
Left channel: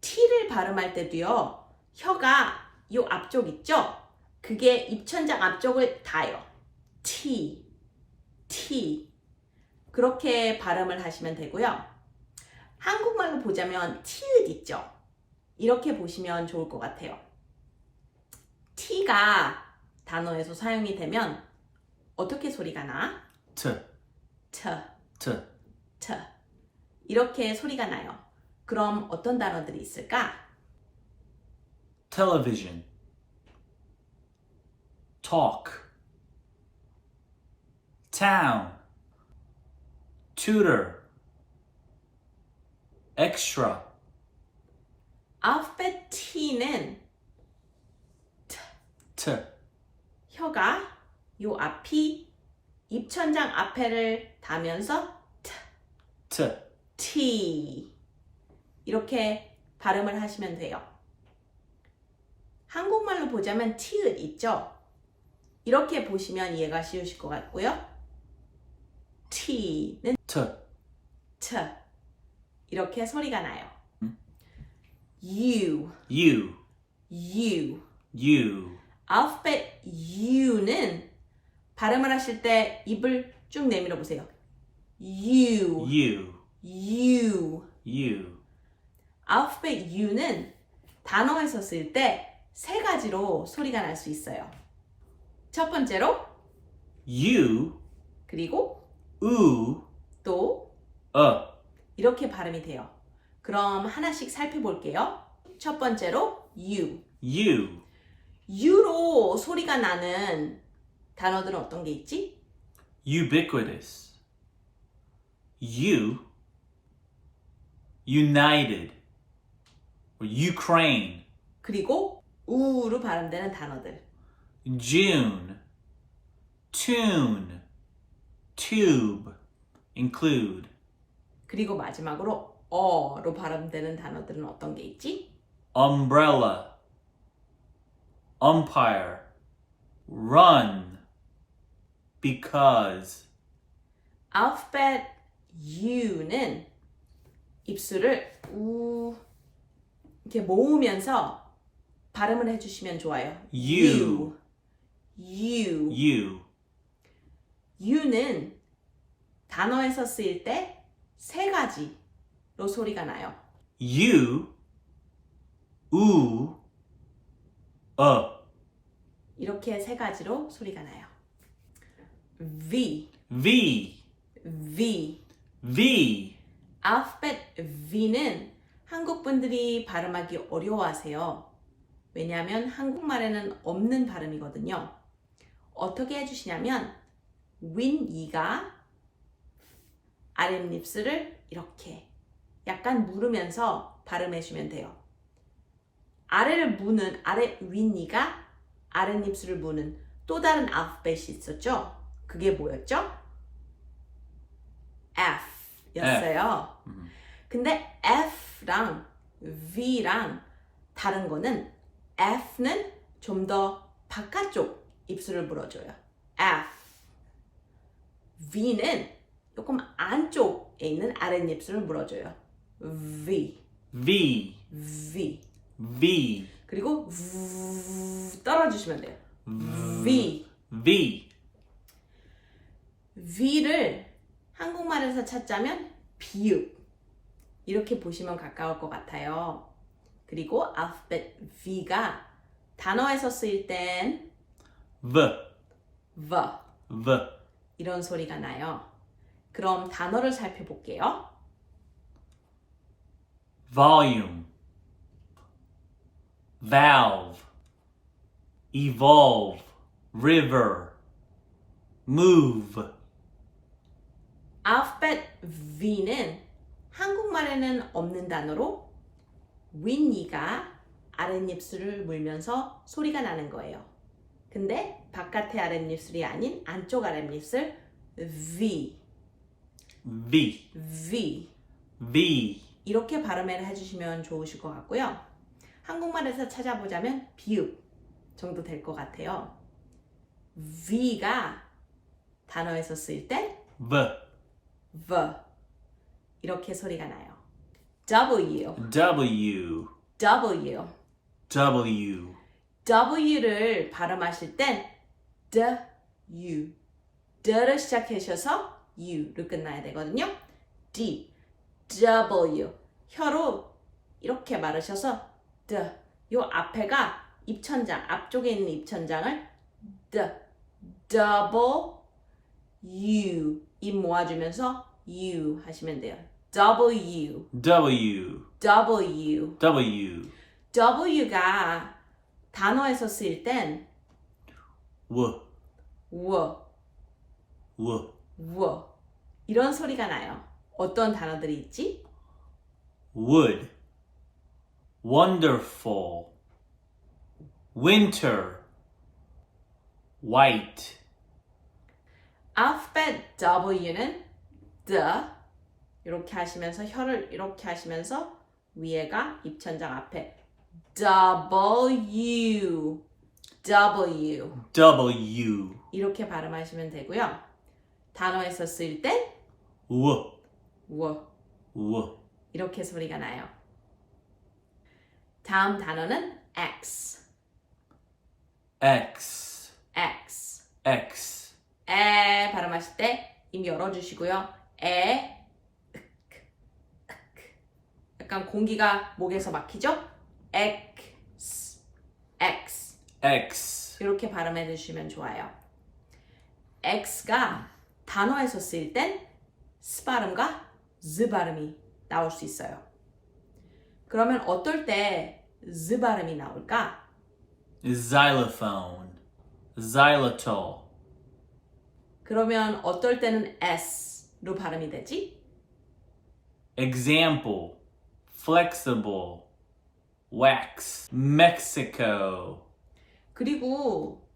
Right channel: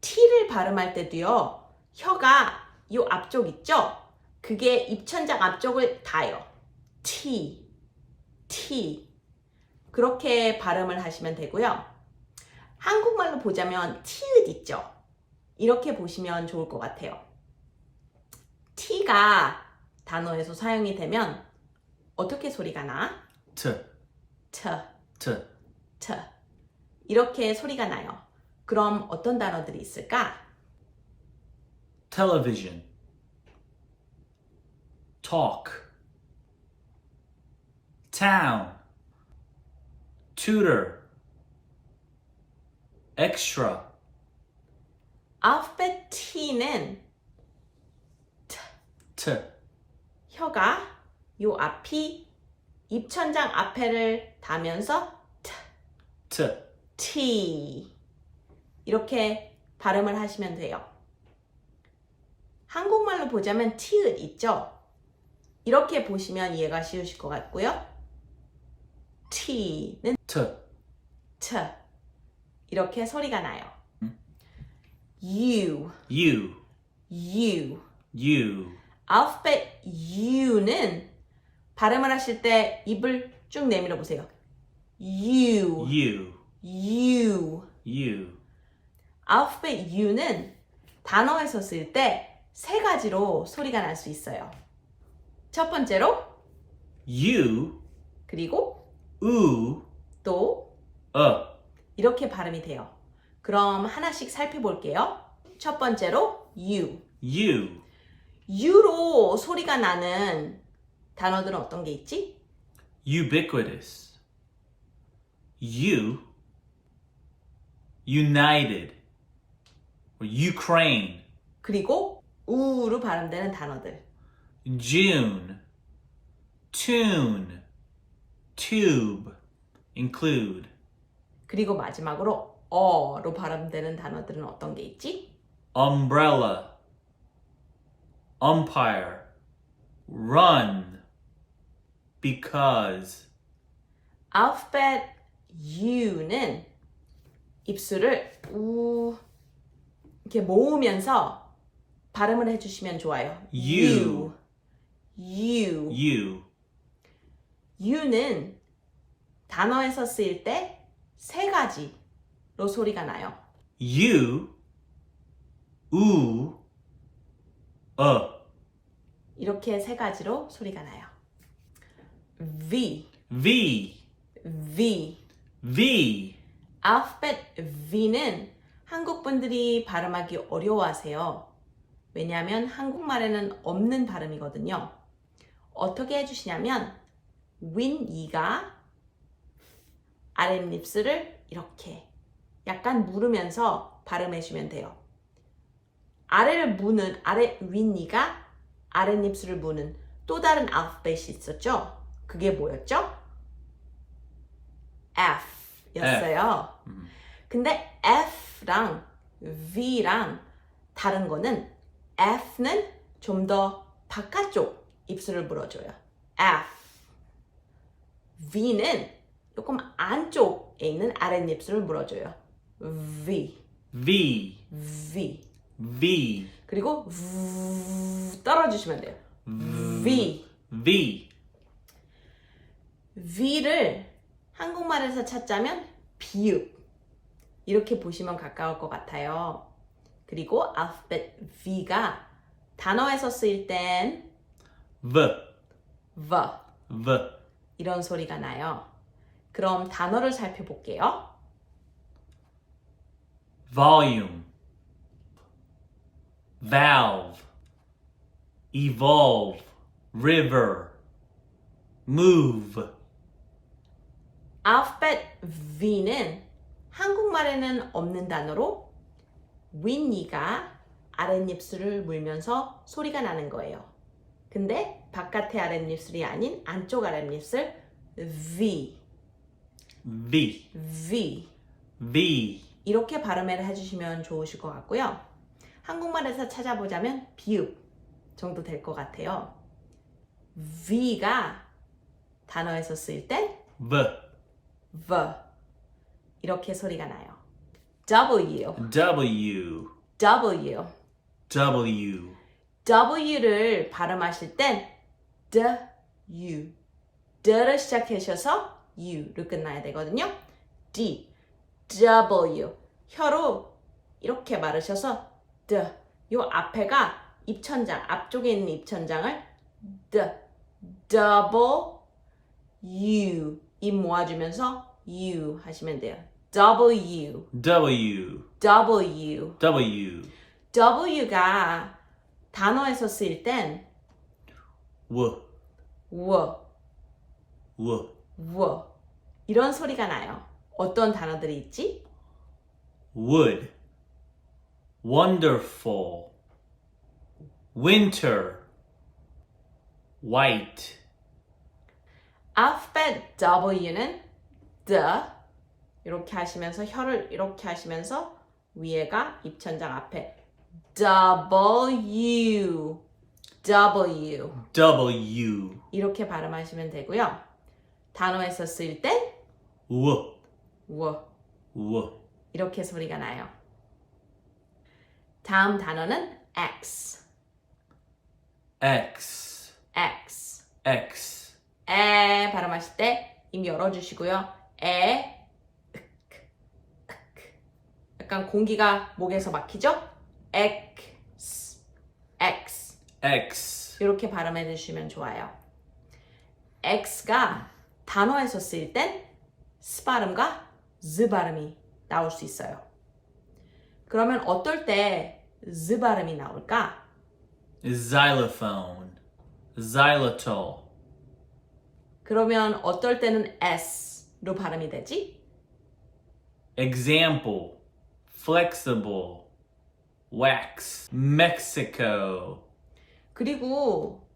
T를 발음할 때도요. 혀가 이 앞쪽 있죠? 그게 입천장 앞쪽을 닿아요. T. 그렇게 발음을 하시면 되고요. 한국말로 보자면 티읕 있죠? 이렇게 보시면 좋을 것 같아요. T가 단어에서 사용이 되면 어떻게 소리가 나? T. T. T. 이렇게 소리가 나요. 그럼 어떤 단어들이 있을까? Television. Talk. Town. Tutor. Extra. 알파벳 T는 T. 혀가 요 앞이 입천장 앞에를 닿으면서 T. T 이렇게 발음을 하시면 돼요. 한국말로 보자면 티읕 있죠? 이렇게 보시면 이해가 쉬우실 것 같고요. T는 T. T 이렇게 소리가 나요. U 알파벳 U는 발음을 하실 때 입을 쭉 내밀어 보세요. U 알파벳 U는 단어에서 쓸 때 세 가지로 소리가 날 수 있어요. 첫 번째로 U. 그리고 U. 또 이렇게 발음이 돼요. 그럼 하나씩 살펴볼게요. 첫 번째로 U. U로 소리가 나는 단어들은 어떤 게 있지? Ubiquitous. United. Or Ukraine. 그리고 우로 발음되는 단어들. June. Tune. Tube. Include. 그리고 마지막으로 어로 발음되는 단어들은 어떤 게 있지? Umbrella. Umpire. Run. Because. 알파벳 U는 입술을 우 이렇게 모으면서 발음을 해주시면 좋아요. U. U는 단어에서 쓰일 때 세 가지로 소리가 나요. U. 이렇게 세 가지로 소리가 나요. V. 알파벳 V는 한국 분들이 발음하기 어려워하세요. 왜냐하면 한국말에는 없는 발음이거든요. 어떻게 해주시냐면 윗니가 아랫입술을 이렇게 약간 물으면서 발음해주면 돼요. 아래 윗니가 아랫입술을 무는 또 다른 알파벳이 있었죠? 그게 뭐였죠? F였어요. 근데 F랑 V랑 다른 거는 F는 좀 더 바깥쪽 입술을 물어줘요. F. V는 조금 안쪽에 있는 아랫입술을 물어줘요. V. 그리고 떨어주시면 돼요. V. V. V를 한국말에서 찾자면 비읍 이렇게 보시면 가까울 것 같아요. 그리고 알파벳 V가 단어에서 쓰일 땐 V. V V. 이런 소리가 나요. 그럼 단어를 살펴볼게요. Volume. Valve. Evolve. River. Move. 알파벳 V는 한국말에는 없는 단어로 윗니가 아랫입술을 물면서 소리가 나는 거예요. 근데 바깥의 아랫입술이 아닌 안쪽 아랫입술 V, V. V V. 이렇게 발음을 해주시면 좋으실 것 같고요. 한국말에서 찾아보자면 비읍 정도 될 것 같아요. V가 단어에서 쓸 땐 V. V 이렇게 소리가 나요. W, W. W, W. W를 발음하실 땐 D, D를 시작하셔서 U를 끝나야 되거든요. D, W 혀로 이렇게 말으셔서 D 요 앞에가 입천장 앞쪽에 있는 입천장을 D, double U 입 모아주면서 U 하시면 돼요. W, W. W, W. W가 단어에서 쓰일 땐 W. W, W. W 이런 소리가 나요. 어떤 단어들이 있지? Wood. Wonderful. Winter. White. 알파벳 W는 the 이렇게 하시면서 혀를 이렇게 하시면서 위에가 입천장 앞에 W, W W. 이렇게 발음하시면 되고요. 단어에서 쓸 땐 W. W W. 이렇게 소리가 나요. 다음 단어는 X, X. X. X. 에 발음하실 때 입 열어주시고요. 에 약간 공기가 목에서 막히죠? X, X X. 이렇게 발음해 주시면 좋아요. X가 단어에서 쓰일 땐 S 발음과 Z 발음이 나올 수 있어요. 그러면 어떨 때 Z 발음이 나올까? Xylophone. Xylitol. 그러면 어떨 때는 S로 발음이 되지? Example. Flexible. Wax. Mexico. 그리고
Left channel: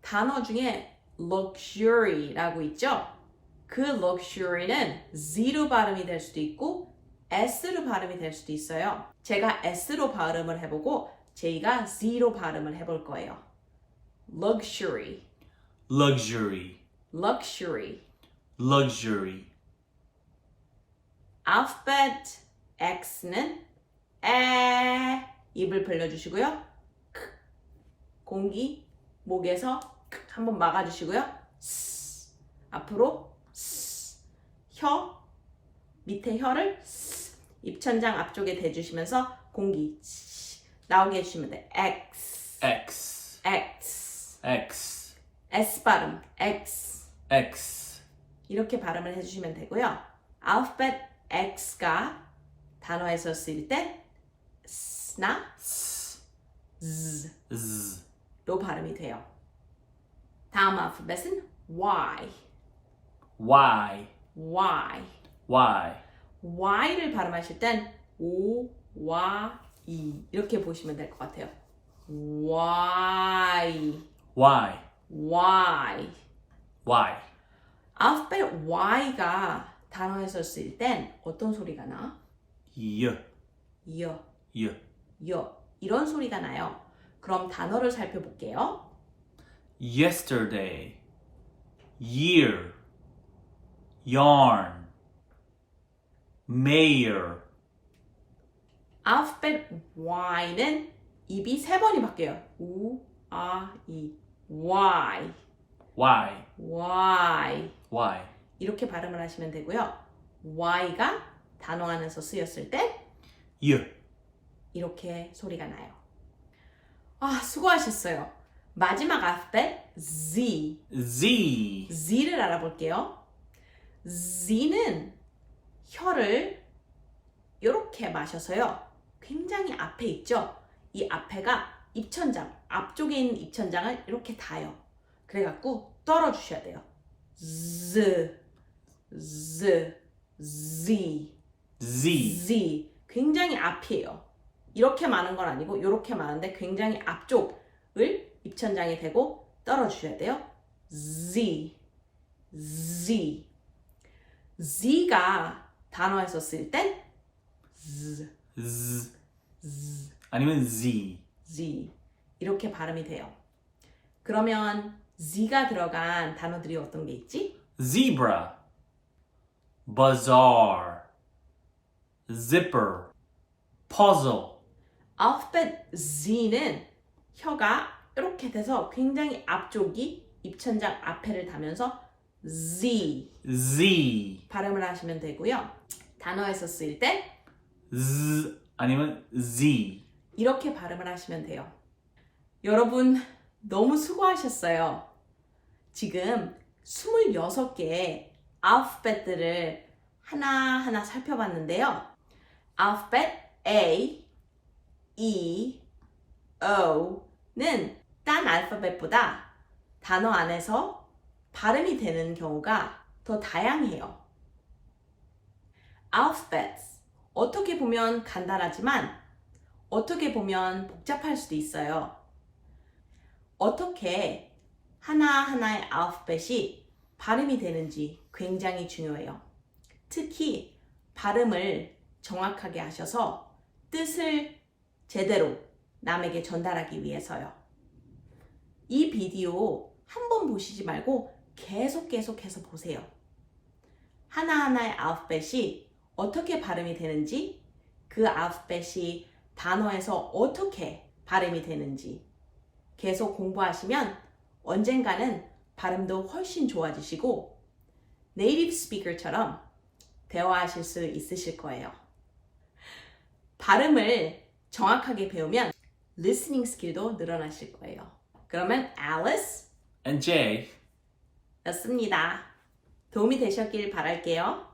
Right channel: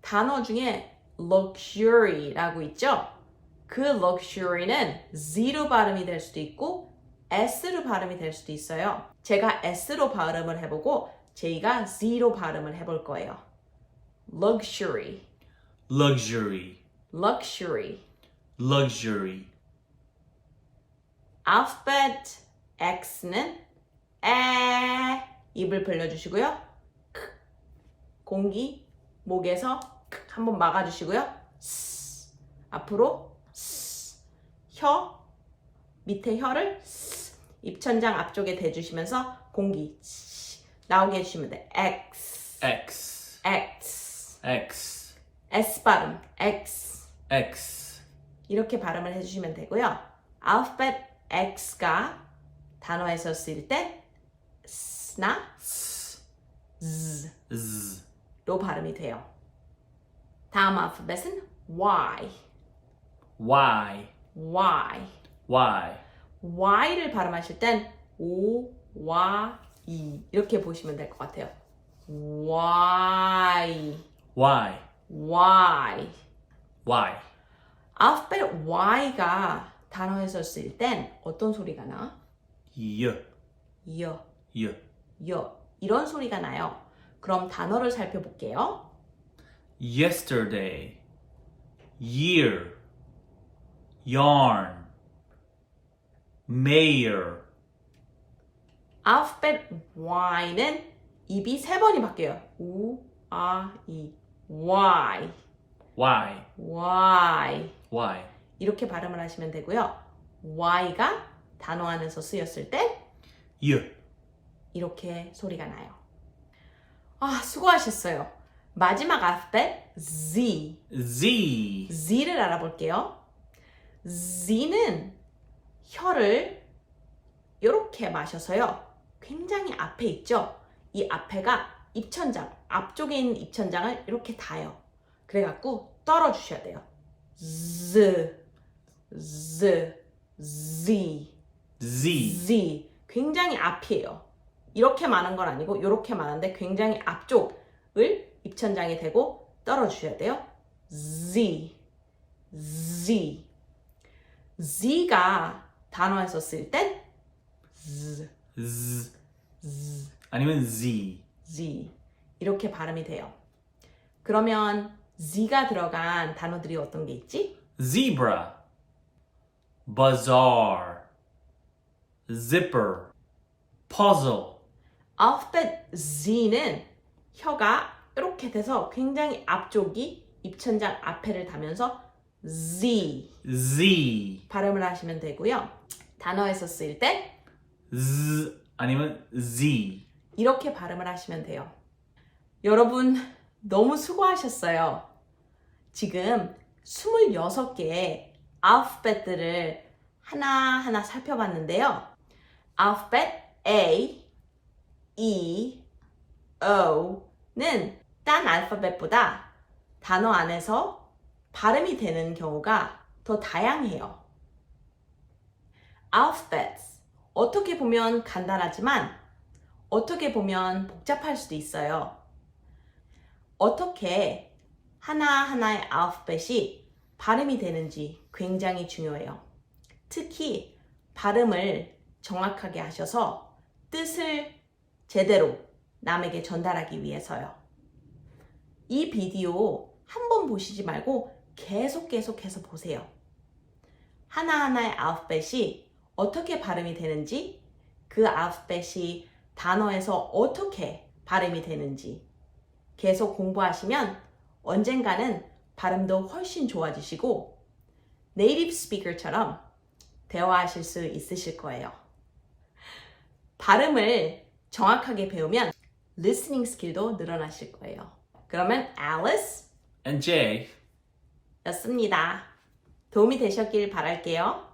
단어 중에 luxury라고 있죠? 그 luxury는 Z로 발음이 될 수도 있고 S로 발음이 될 수도 있어요. 제가 S로 발음을 해보고 제이가 Z로 발음을 해볼 거예요. luxury, Luxury. luxury. Luxury. 알파벳 X는 에 입을 벌려주시고요. 공기 목에서 한번 막아주시고요. 앞으로 혀 밑에 혀를 입천장 앞쪽에 대주시면서 공기 나오게 해주시면 돼. X, X. X, X. S 발음 X X. 이렇게 발음을 해주시면 되고요. 알파벳 X가 단어에서 쓸 때 S나 Z로 Z. 발음이 돼요. 다음 알파벳은 Y, Y. Y. Y. Y를 발음하실 땐 O, Y, E 이렇게 보시면 될 것 같아요. Y, Y. Y. Y. 알파벳 Y가 단어에서 쓸 땐 어떤 소리가 나? Y. 여, Y. 여 이런 소리가 나요. 그럼 단어를 살펴볼게요. Yesterday. Year. Yarn. Mayor. 알파벳 Y는 입이 세 번이 바뀌어요. 우, 아, 이. Y. Why? Y. Why? 이렇게 발음을 하시면 되고요. Y가 단어 안에서 쓰였을 때 You. 이렇게 소리가 나요. 아, 수고하셨어요. 마지막 알파벳 Z. Z. Z를 알아볼게요. Z는 혀를 이렇게 마셔서요. 굉장히 앞에 있죠? 이 앞에가 입천장, 앞쪽에 있는 입천장을 이렇게 닿아요. 그래갖고 떨어주셔야 돼요. Z, Z, Z, Z. Z. 굉장히 앞이에요. 이렇게 많은 건 아니고 이렇게 많은데 굉장히 앞쪽을 입천장에 대고 떨어주셔야 돼요. Z, Z. Z가 단어에서 쓸 땐 Z, Z. Z, 아니면 Z. Z 이렇게 발음이 돼요. 그러면 Z가 들어간 단어들이 어떤 게 있지? Zebra. Bazaar. Zipper. Puzzle. 알파벳 Z는 혀가 이렇게 돼서 굉장히 앞쪽이 입천장 앞에를 닿으면서 Z Z. 발음을 하시면 되고요. 단어에서 쓸 때 Z. 아니면 Z. 이렇게 발음을 하시면 돼요. 여러분 너무 수고하셨어요. 지금 26개의 알파벳들을 하나하나 살펴봤는데요. 알파벳 A, E, O는 딴 알파벳보다 단어 안에서 발음이 되는 경우가 더 다양해요. 알파벳 어떻게 보면 간단하지만 어떻게 보면 복잡할 수도 있어요. 어떻게 하나하나의 알파벳이 발음이 되는지 굉장히 중요해요. 특히 발음을 정확하게 하셔서 뜻을 제대로 남에게 전달하기 위해서요. 이 비디오 한 번 보시지 말고 계속해서 보세요. 하나하나의 알파벳이 어떻게 발음이 되는지, 그 알파벳이 단어에서 어떻게 발음이 되는지 계속 공부하시면 언젠가는 발음도 훨씬 좋아지시고 네이티브 스피커처럼 대화하실 수 있으실 거예요. 발음을 정확하게 배우면 listening 스킬도 늘어나실 거예요. 그러면 Alice And J. 였습니다. 도움이 되셨길 바랄게요.